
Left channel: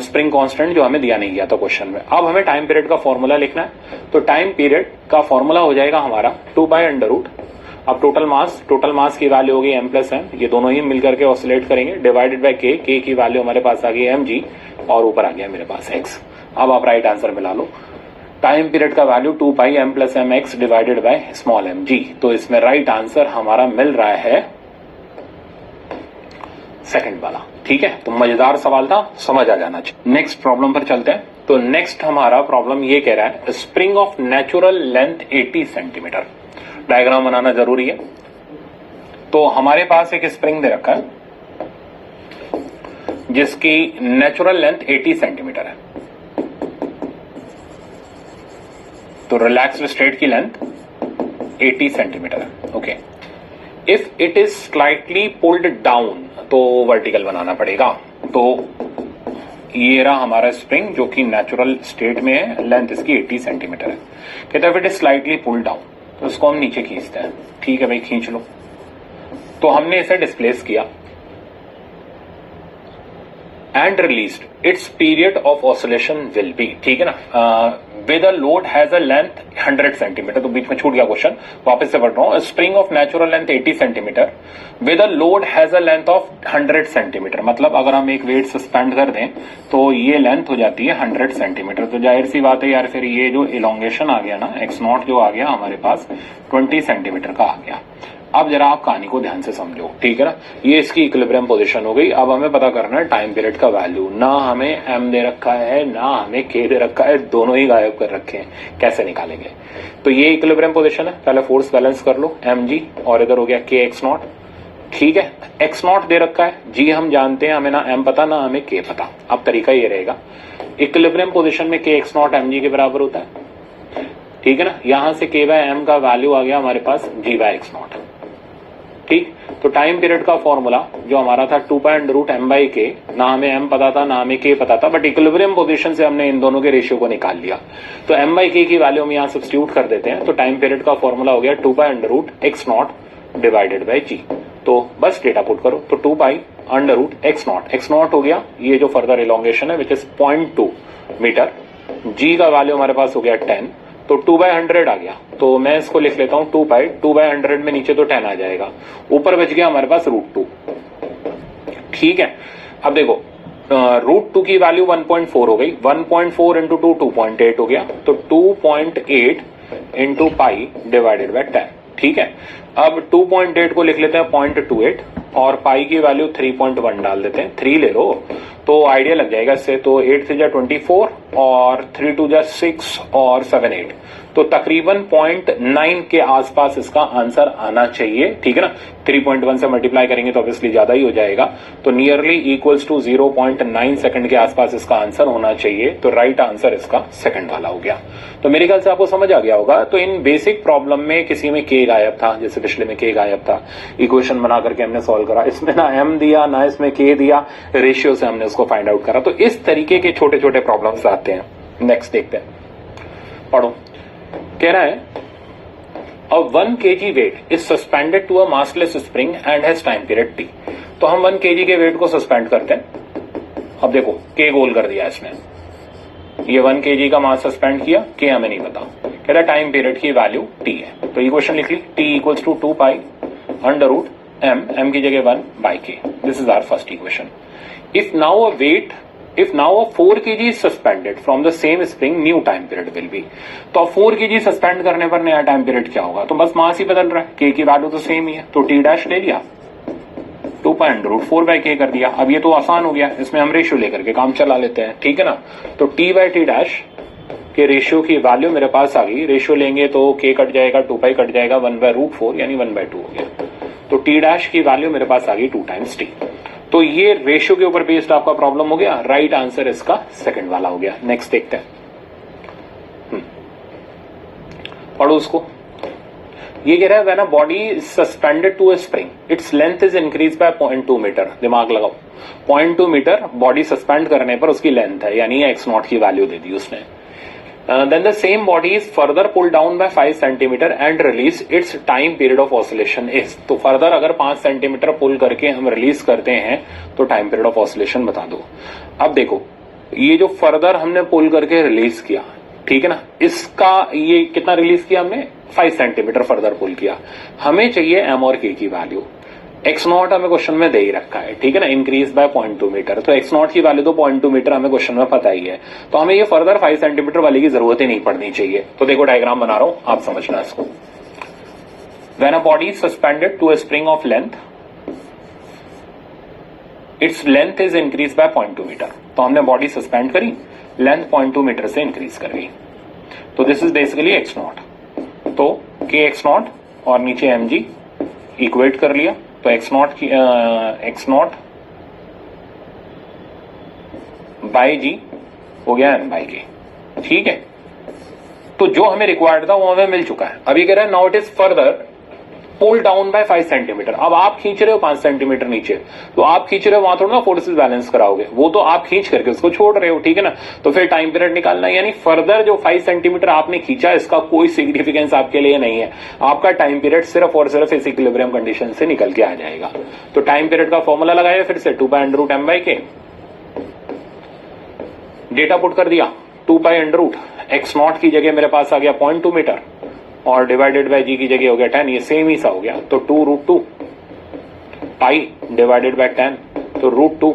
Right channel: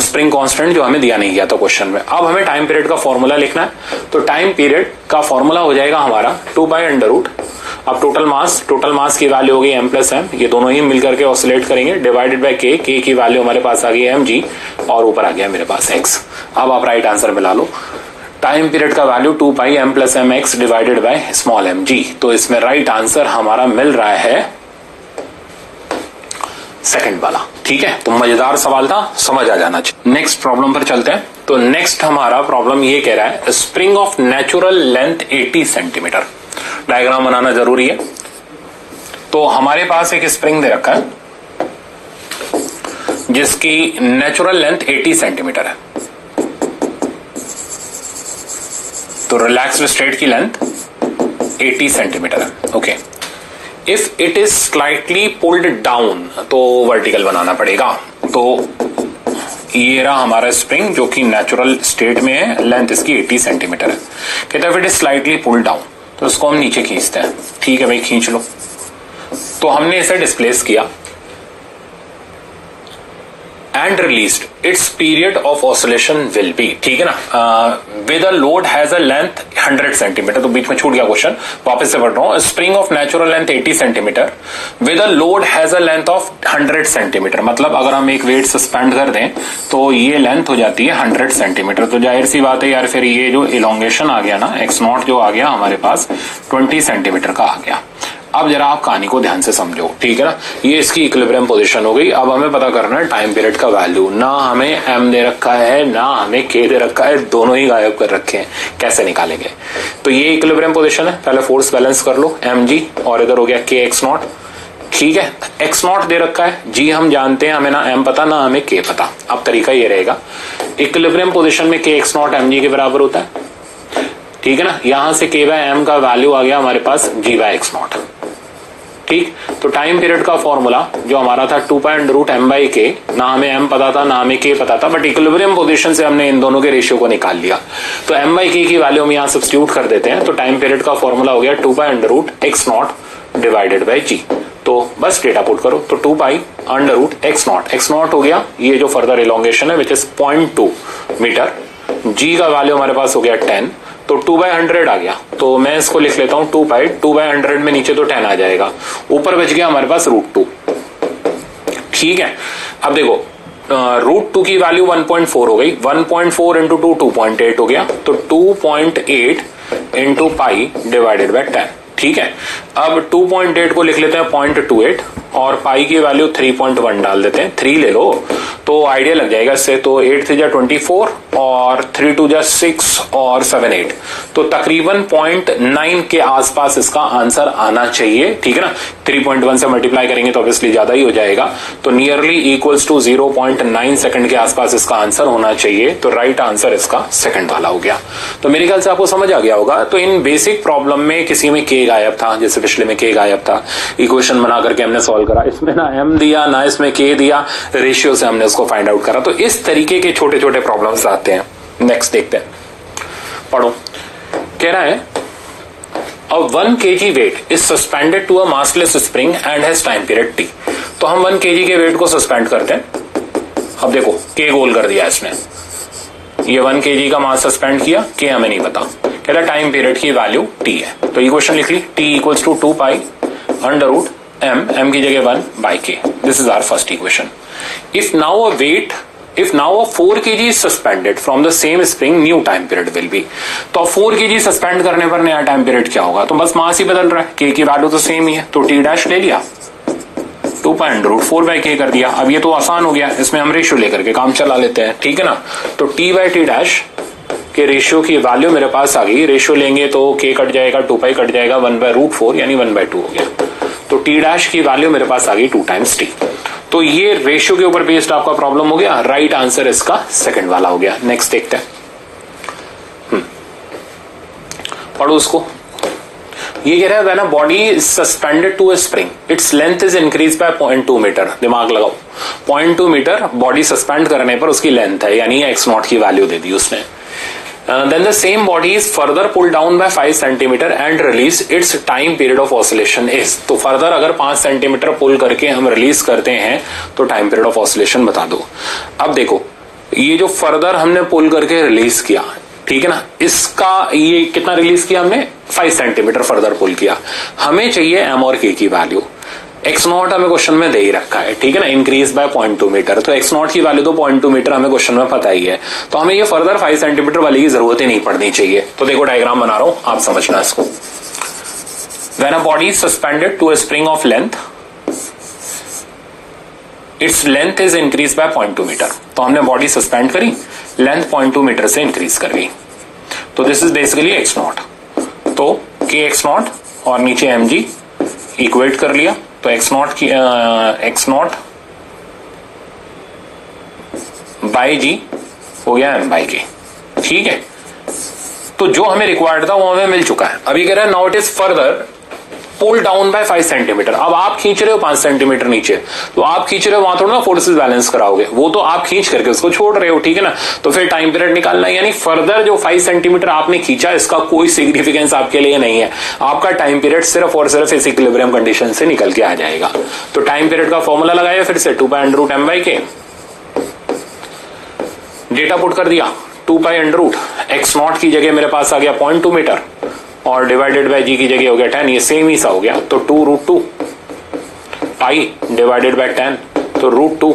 spring constant जो हमें दिया नहीं गया था क्वेश्चन में। अब हमें टाइम पीरियड का फॉर्मूला लिखना है, तो टाइम पीरियड का फॉर्मूला हो जाएगा हमारा 2π√, अब टोटल मास की वैल्यू होगी m प्लस m, ये दोनों ही मिलकर के ऑसिलेट करेंगे, डिवाइडेड बाय k, k की वैल्यू हमारे पास आ गई mg और ऊपर आ गया मेरे पास x। अब आप राइट आंसर मिला लो, टाइम पीरियड का value 2πm plus mx divided by small mg। तो इसमें राइट आंसर हमारा मिल रहा है सेकंड वाला, ठीक है। तो मजेदार सवाल था, समझ आ जाना चाहिए। नेक्स्ट प्रॉब्लम पर चलते हैं। तो नेक्स्ट हमारा प्रॉब्लम ये कह रहा है spring of natural length 80 centimetre. Diagram बनाना जरूरी है। तो हमारे पास एक स्प्रिंग दे रखा है जिसकी नेचुरल लेंथ 80 सेंटीमीटर है, तो रिलैक्स्ड स्टेट की लेंथ 80 सेंटीमीटर है, okay. If it is slightly pulled down, तो वर्टिकल बनाना पड़ेगा। तो ये रहा हमारा स्प्रिंग जो कि नेचुरल स्टेट में है, लेंथ इसकी 80 सेंटीमीटर है। कहता है if it is slightly pulled down, तो इसको हम नीचे खींचते हैं, ठीक है भाई खींच लो। तो हमने इसे डिस्प्लेस किया and released, it's period of oscillation will be, ठीक है ना, with a load has a length 100 centimetre. तो बीच में छूट गया क्वेश्चन, वापस से पढ़ रहा हूं। Spring of natural length 80 centimetre with a load has a length of 100 centimetre, मतलब अगर हम एक वेट सस्पेंड कर दें तो ये लेंथ हो जाती है 100 सेंटीमीटर। तो जाहिर सी बात है यार, फिर ये जो इलोंगेशन आ गया ना, x0 जो आ गया हमारे पास 20 सेंटीमीटर का आ गया। अब जरा आप कहानी को ध्यान से समझो, ठीक है ना। ये इसकी इक्विलिब्रियम पोजीशन हो गई। अब हमें पता करना है टाइम पीरियड का वैल्यू। ना हमें m दे रखा है ना हमें k दे रखा है, दोनों ही गायब कर रखे हैं, कैसे निकालेंगे? तो ये इक्विलिब्रियम पोजीशन है, पहले फोर्स बैलेंस कर लो, mg और इधर हो गया kx0, ठीक है। x0 दे रखा है, g हम जानते हैं, हमें ना m पता ना हमें k पता। अब तरीका ये रहेगा, इक्विलिब्रियम पोजीशन में kx0 mg के बराबर होता है, ठीक है ना। यहां से k/m का वैल्यू आ गया हमारे पास g/x0, ठीक। तो टाइम पीरियड का फॉर्मूला जो हमारा था 2 pi under root m by k, ना हमें एम पता था ना हमें के पता था, बट इक्विलिब्रियम पोजीशन से हमने इन दोनों के रेशियो को निकाल लिया। तो एम बाई के की वैल्यू हम यहाँ सब्स्टिट्यूट कर देते हैं। तो टाइम पीरियड का फॉर्मूला हो गया 2 pi under root x not divided by g. तो बस डेटा पुट करो, तो 2 pi under root x not हो गया ये जो फर्दर इलोंगेशन है विच इज 0.2 मीटर। जी का वैल्यू हमारे पास हो गया 10, तो 2/100 आ गया। तो मैं इसको लिख लेता हूं 2 पाई, 2/100 में नीचे तो 10 आ जाएगा, ऊपर बच गया हमारे पास √2। ठीक है, अब देखो √2 की वैल्यू 1.4 हो गई, 1.4 इंटू 2 2.8 हो गया, तो 2.8 इंटू पाई डिवाइडेड बाय 10। ठीक है, अब 2.8 को लिख लेते हैं 0.28 और पाई की वैल्यू 3.1 डाल देते हैं, 3 ले लो तो आइडिया लग जाएगा इससे। तो 8 3 जा 24 और 3 2 जा 6 और 7 8, तो तकरीबन 0.9 के आसपास इसका आंसर आना चाहिए। ठीक है ना, 3.1 से मल्टीप्लाई करेंगे तो ऑब्वियसली ज्यादा ही हो जाएगा, तो नियरली इक्वल्स टू 0.9 सेकंड के आसपास इसका आंसर होना चाहिए। तो राइट आंसर इसका सेकंड वाला हो गया। तो मेरे ख्याल से आपको समझ आ गया होगा। तो इन बेसिक प्रॉब्लम में किसी में के गायब था, जैसे पिछले में के गायब था, इक्वेशन बना करके हमने सॉल्व करा, इसमें ना एम दिया ना इसमें के दिया, रेशियो से हमने उसको फाइंड आउट करा। तो इस तरीके के छोटे छोटे प्रॉब्लम्स आते हैं। नेक्स्ट देखते हैं, पढ़ो। कह रहा है a 1 kg weight is suspended to a massless spring and has time period t। तो हम 1 kg के वेट को सस्पेंड करते हैं। अब देखो के गोल कर दिया इसने, ये 1 kg का मास सस्पेंड किया, के हमें नहीं पता, कहता है टाइम पीरियड की वैल्यू t है। तो इक्वेशन लिख ली, t equals to 2 pi under root m की जगह 1 by k. This is our first equation. If now a 4 kg is suspended from the same spring, new time period will be। तो 4 kg suspend करने पर नया time period क्या होगा? तो बस मास ही बदल रहा है, k की वैल्यू तो सेम ही है, तो t डैश ले लिया, 2 पाई अंडर रूट 4 बाई के कर दिया। अब ये तो आसान हो गया, इसमें हम रेशियो लेकर के काम चला लेते हैं। ठीक है ना, तो t बाई टी डैश के रेशियो की वैल्यू मेरे पास आ गई। रेशियो लेंगे तो k कट जाएगा, 2 पाई कट जाएगा, 1 बाई रूट 4 यानी 1/2 हो गया। तो t डैश की वैल्यू मेरे पास आ गई 2 टाइम्स t। तो ये रेशियो के ऊपर बेस्ड आपका प्रॉब्लम हो गया। राइट आंसर इसका सेकंड वाला हो गया। नेक्स्ट देखते हैं, पढ़ो उसको। ये कह रहा है when a body is suspended to a spring, its length is increase by 0.2 metre. दिमाग लगाओ, 0.2 मीटर बॉडी सस्पेंड करने पर उसकी लेंथ है, यानी x0 की वैल्यू दे दी उसने। Then the same body is further pulled down by 5 centimeter and release, its time period of oscillation is। तो फर्दर अगर 5 सेंटीमीटर पुल करके हम रिलीज करते हैं तो टाइम पीरियड ऑफ ऑसिलेशन बता दो। अब देखो ये जो फर्दर हमने पुल करके रिलीज किया, ठीक है ना, इसका ये कितना रिलीज किया हमने, 5 सेंटीमीटर फर्दर पुल किया। हमें चाहिए एम और के की वैल्यू। x0 हमें क्वेश्चन में दे ही रखा है, ठीक है ना, इंक्रीज बाय 0.2 मीटर। तो x0 की वैल्यू तो 0.2 मीटर हमें क्वेश्चन में पता ही है, तो हमें ये फर्दर 5 सेंटीमीटर वाली की जरूरत ही नहीं पड़नी चाहिए। तो देखो डायग्राम बना रहा हूं, आप समझना इसको। When a body is suspended to a spring of length, its length is increase by 0.2 metre. तो हमने बॉडी सस्पेंड करी, लेंथ 0.2 मीटर से इंक्रीज कर गई, तो दिस इज बेसिकली x0। तो के x0 और नीचे mg इक्वेट कर लिया, तो x0 बाई जी हो गया m बाई के। ठीक है, तो जो हमें रिक्वायर्ड था वो हमें मिल चुका है। अभी कह रहा है now it is further pull down by 5 centimetre. अब आप खींच रहे हो 5 सेंटीमीटर नीचे, तो आप खींच रहे हो वहां थोड़ा ना फोर्सेस बैलेंस कराओगे, वो तो आप खींच करके उसको छोड़ रहे हो, ठीक है ना। तो फिर टाइम पीरियड निकालना, यानी फर्दर जो 5 सेंटीमीटर आपने खींचा इसका कोई सिग्निफिकेंस आपके लिए नहीं है। आपका टाइम पीरियड सिर्फ और सिर्फ इस इक्विलिब्रियम कंडीशन से निकल के आ जाएगा। तो टाइम पीरियड का फॉर्मूला लगाया फिर से 2 pi under root m by k, data put कर दिया 2 पाई अंडर रूट x0 की जगह मेरे पास आ गया 0.2 मीटर और डिवाइडेड बाय जी की जगह हो गया 10, ये सेम ही सा हो गया। तो 2√2 पाई डिवाइडेड बाय 10, तो √2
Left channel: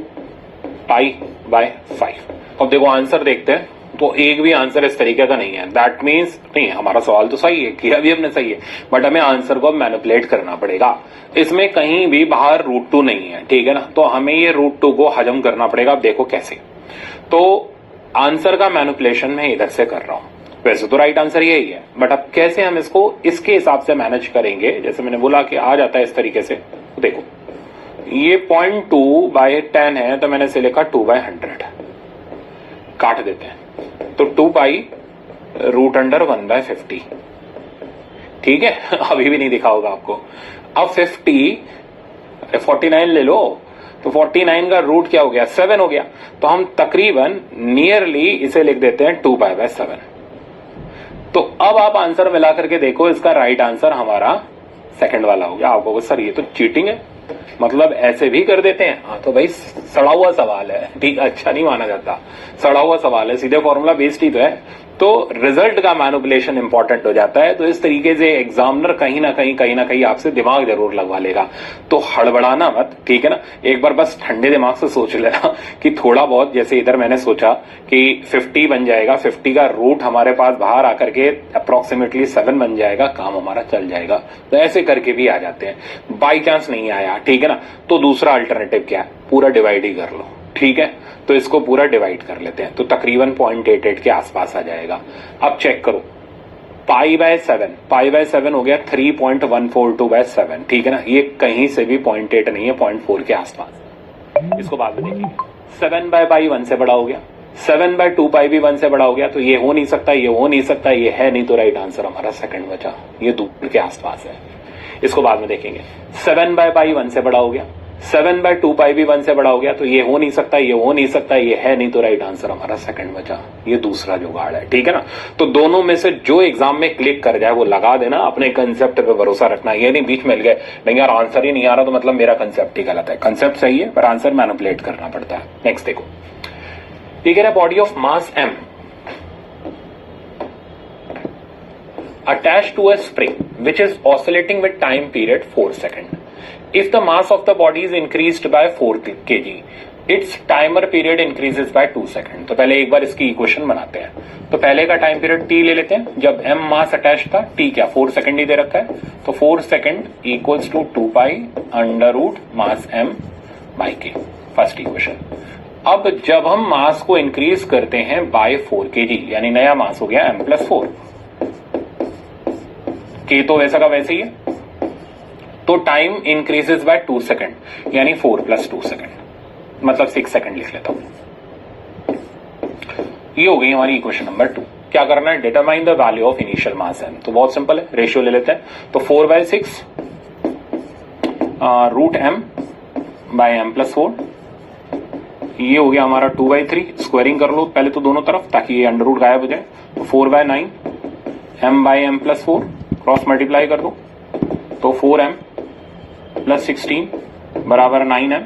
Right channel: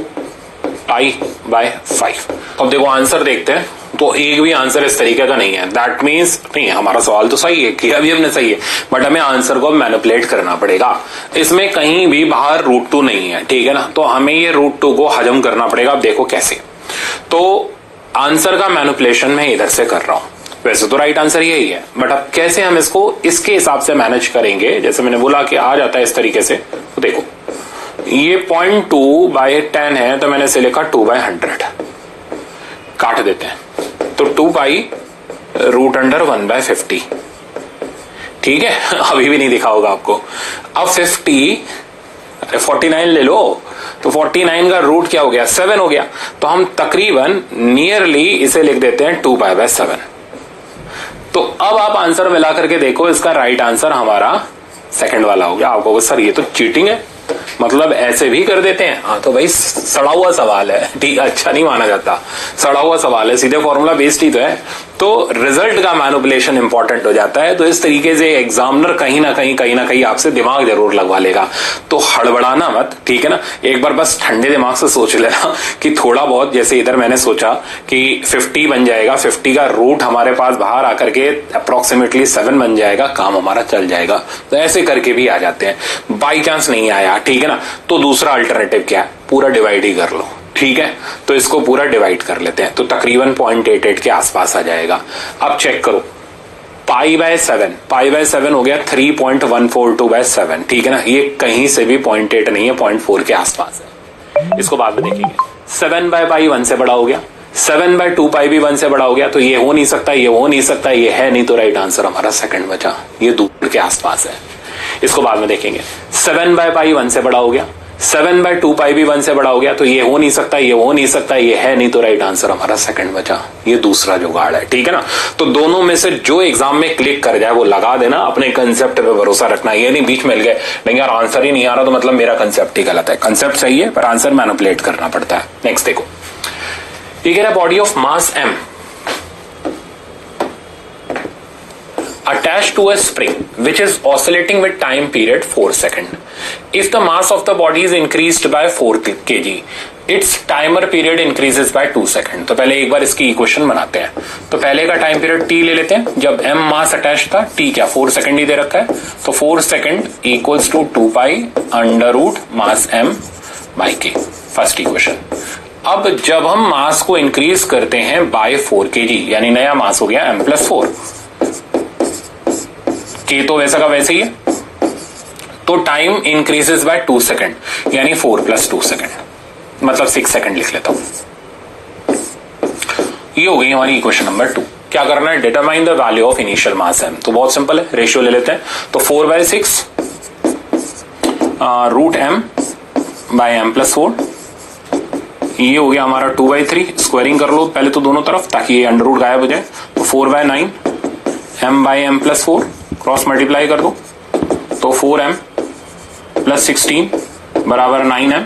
पाई बाय 5। अब देखो आंसर देखते हैं, तो एक भी आंसर इस तरीके का नहीं है। दैट मीन्स नहीं, हमारा सवाल तो सही है, किया भी हमने सही है, बट हमें आंसर को मैनिपुलेट करना पड़ेगा। इसमें कहीं भी बाहर √2 नहीं है, ठीक है ना, तो हमें ये √2 को हजम करना पड़ेगा। अब देखो कैसे, तो आंसर का मैनिपुलेशन मैं इधर से कर रहा हूं, वैसे तो राइट आंसर यही है, बट अब कैसे हम इसको इसके हिसाब से मैनेज करेंगे, जैसे मैंने बोला कि आ जाता है इस तरीके से। तो देखो ये 0.2 बाई 10 है, तो मैंने इसे लिखा 2 बाई 100, काट देते हैं, तो 2 पाई रूट अंडर 1/50। ठीक है अभी भी नहीं दिखा होगा आपको। अब 49 ले लो, तो 49 का रूट क्या हो गया 7 हो गया, तो हम तकरीबन नियरली इसे लिख देते हैं 2π/7। तो अब आप आंसर मिला करके देखो, इसका राइट आंसर हमारा सेकंड वाला हो गया। आपको सर ये तो चीटिंग है, मतलब ऐसे भी कर देते हैं। हाँ तो भाई सड़ा हुआ सवाल है, ठीक, अच्छा नहीं माना जाता, सड़ा हुआ सवाल है, सीधे फॉर्मूला बेस्ड ही तो है, तो रिजल्ट का मैनिपुलेशन इंपॉर्टेंट हो जाता है। तो इस तरीके से एग्जामिनर कहीं ना कहीं आपसे दिमाग जरूर लगवा लेगा, तो हड़बड़ाना मत, ठीक है ना। एक बार बस ठंडे दिमाग से सोच लेना कि थोड़ा बहुत, जैसे इधर मैंने सोचा कि 50 बन जाएगा, 50 का रूट हमारे पास बाहर आकर के अप्रोक्सीमेटली 7 बन जाएगा, काम हमारा चल जाएगा। तो ऐसे करके भी आ जाते हैं। बाई चांस नहीं आया, ठीक है ना, तो दूसरा अल्टरनेटिव क्या है, पूरा डिवाइड ही कर लो, ठीक है। तो इसको पूरा डिवाइड कर लेते हैं, तो तकरीबन 0.88 के आसपास आ जाएगा। अब चेक करो, π/7 हो गया 3.142/7, ठीक है ना। ये कहीं से भी 0.8 नहीं है, 0.4 के आसपास है। इसको बाद में देखेंगे। 7/π 1 से बड़ा हो गया, 7/2π भी 1 से बड़ा हो गया, तो ये हो नहीं सकता, ये हो नहीं सकता, ये है नहीं, तो राइट आंसर हमारा सेकंड बचा, ये दूर के आसपास है। इसको बाद में देखेंगे। 7/π 1 से बड़ा हो गया, 7/2π भी 1 से बड़ा हो गया, तो ये हो नहीं सकता, ये हो नहीं सकता, ये है नहीं, तो राइट आंसर हमारा सेकंड बचा, ये दूसरा जुगाड़ है, ठीक है ना। तो दोनों में से जो एग्जाम में क्लिक कर जाए वो लगा देना, अपने कंसेप्ट पे भरोसा रखना। ये नहीं बीच मिल गए, नहीं यार आंसर ही नहीं आ रहा तो मतलब मेरा कंसेप्ट ही गलत है। कंसेप्ट सही है पर आंसर मैनिपुलेट करना पड़ता है। नेक्स्ट देखो, ये कह रहा है body of mass m attached to a spring which is oscillating with time period 4 seconds. If the mass of the body is increased by 4 kg, its timer period increases by 2 seconds. तो पहले एक बार इसकी equation बनाते हैं। तो पहले का time period t ले लेते हैं, जब m मास अटैच था, t क्या 4 सेकंड ही दे रखा है, तो 4 second equals to 2π mass m by k, first equation. अब जब हम मास को इंक्रीज करते हैं बाय 4 kg, यानी नया मास हो गया m+4, के तो वैसा का वैसे ही है, तो टाइम इंक्रीजेस बाय 2 सेकंड, यानी 4 + 2 सेकंड, मतलब 6 सेकंड लिख लेता हूं। ये हो गई हमारी इक्वेशन नंबर 2। क्या करना है, determine the value of initial mass m। तो बहुत सिंपल है, रेशियो ले लेते हैं। तो 4/6 √m बाय m+4, ये हो गया हमारा 2/3। स्क्वायरिंग कर लो पहले तो दोनों तरफ, ताकि ये अंडर रूट गायब हो जाए। तो 4/9 m bye m+4, cross multiply कर दो, तो 4m + 16 बराबर 9m।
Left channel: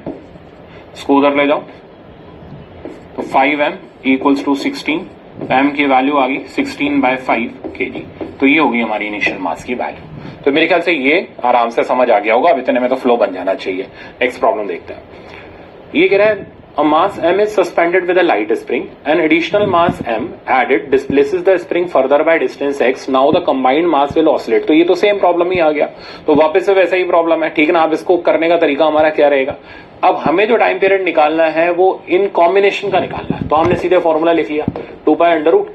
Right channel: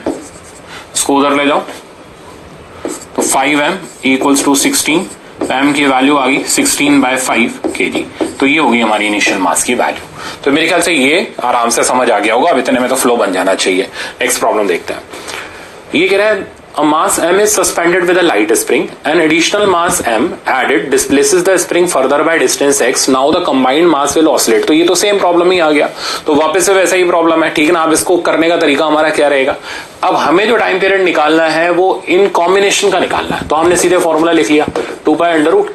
इसको उधर ले जाओ, तो 5m इक्वल्स टू 16, m की वैल्यू आ गई 16/5 kg। तो ये होगी हमारी इनिशियल मास की वैल्यू। तो मेरे ख्याल से ये आराम से समझ आ गया होगा, अब इतने में तो फ्लो बन जाना चाहिए। नेक्स्ट प्रॉब्लम देखते हैं। ये कह रहा है a mass m is suspended with a light spring. An additional mass m added displaces the spring further by distance x. Now the combined mass will oscillate. तो ये तो सेम प्रॉब्लम ही आ गया, तो वापस से वैसा ही प्रॉब्लम है, ठीक है ना। अब इसको करने का तरीका हमारा क्या रहेगा, अब हमें जो टाइम पीरियड निकालना है वो इन कॉम्बिनेशन का निकालना है। तो हमने सीधे फॉर्मूला लिख लिया, 2π√,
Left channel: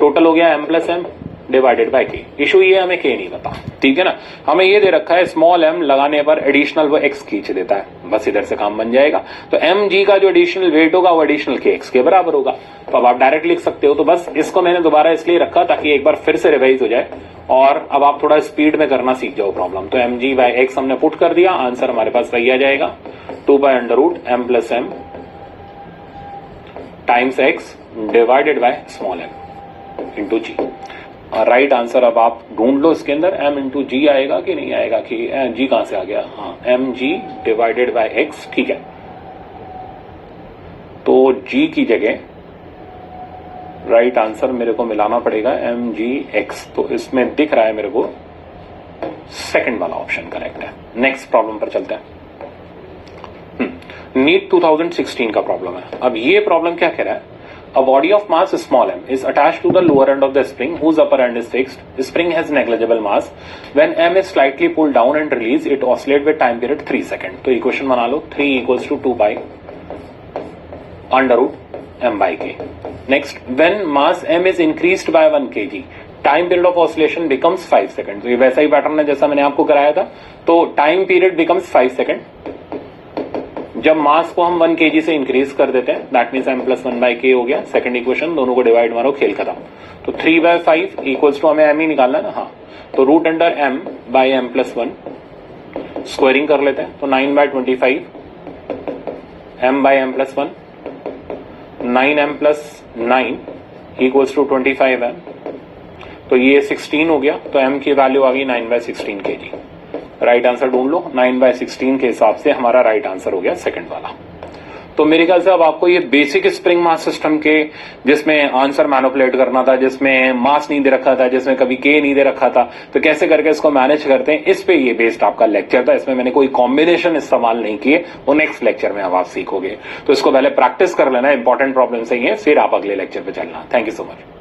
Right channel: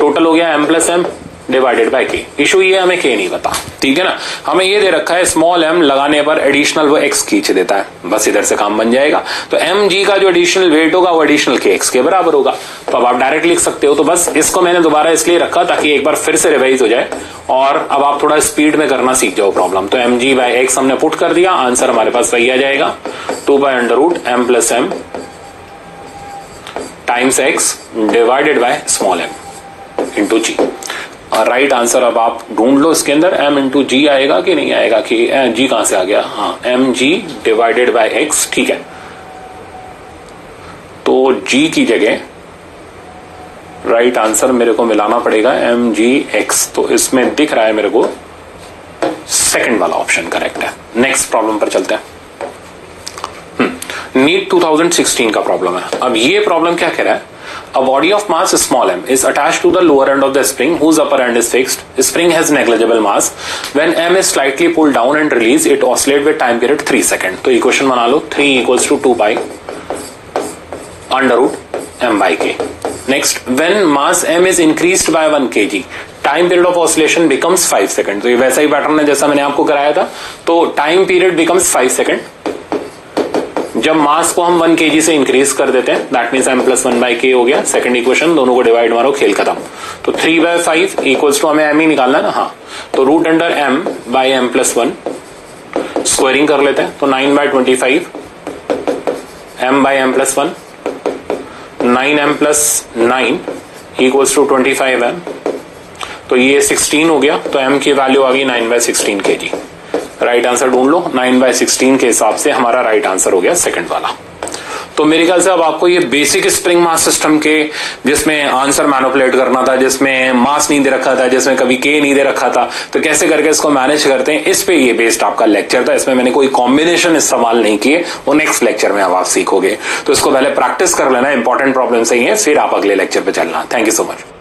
टोटल हो गया m+m divided by k। Issue ये हमें k नहीं पता, ठीक है ना। हमें ये दे रखा है स्मॉल m लगाने पर एडिशनल वो x खींच देता है, बस इधर से काम बन जाएगा। तो mg का जो एडिशनल वेट होगा वो एडिशनल kx के बराबर होगा। तो अब आप डायरेक्ट लिख सकते हो। तो बस इसको मैंने दोबारा इसलिए रखा ताकि एक बार फिर से रिवाइज हो जाए और अब आप थोड़ा स्पीड में करना सीख जाओ प्रॉब्लम। तो mg/x हमने पुट कर दिया, आंसर हमारे पास सही आ जाएगा, 2π√m+m times x divided by small m into g। और राइट आंसर अब आप ढूंढ लो, इसके अंदर m इंटू जी आएगा कि नहीं आएगा, कि g कहां से आ गया, हाँ mg डिवाइडेड बाय x, ठीक है। तो g की जगह राइट आंसर मेरे को मिलाना पड़ेगा mgx। तो इसमें दिख रहा है मेरे को सेकंड वाला ऑप्शन करेक्ट है। नेक्स्ट प्रॉब्लम पर चलते हैं। नीट 2016 का प्रॉब्लम है। अब ये प्रॉब्लम क्या कह रहा है, a body of mass small m is attached to the lower end of the spring whose upper end is fixed. The spring has negligible mass. When m is slightly pulled down and released, it oscillates with time period 3 seconds. तो equation बना लो, 3 equals to 2π √m by k. Next, when mass m is increased by 1 kg, time period of oscillation becomes 5 seconds. तो ये वैसा ही pattern है जैसा मैंने आपको कराया था। तो time period becomes 5 seconds. जब मास को हम 1 kg से इंक्रीज कर देते हैं, दैट मीन्स m + 1/k हो गया। सेकंड इक्वेशन, दोनों को डिवाइड मारो, खेल खत्म। तो 3/5 इक्वल्स टू, हमें m ही निकालना है ना, हाँ, तो √m/m+1 स्क्वायरिंग कर लेते हैं, तो 9/25 m/m+1, 9m+9 equals to 25m, तो ये 16 हो गया। तो m की वैल्यू आ गई 9/16 kg। राइट आंसर ढूंढ लो, 9/16 के हिसाब से हमारा राइट आंसर हो गया सेकंड वाला। तो मेरे ख्याल से अब आपको ये बेसिक स्प्रिंग मास सिस्टम के, जिसमें आंसर मैनिपुलेट करना था, जिसमें मास नहीं दे रखा था, जिसमें कभी के नहीं दे रखा था, तो कैसे करके इसको मैनेज करते हैं, इस पे ये बेस्ड आपका लेक्चर था। इसमें मैंने कोई कॉम्बिनेशन इस्तेमाल नहीं किए, वो नेक्स्ट लेक्चर में अब आप सीखोगे। तो इसको पहले प्रैक्टिस कर लेना, इंपॉर्टेंट प्रॉब्लम सही है, फिर आप अगले लेक्चर पे चलना। Thank you so much.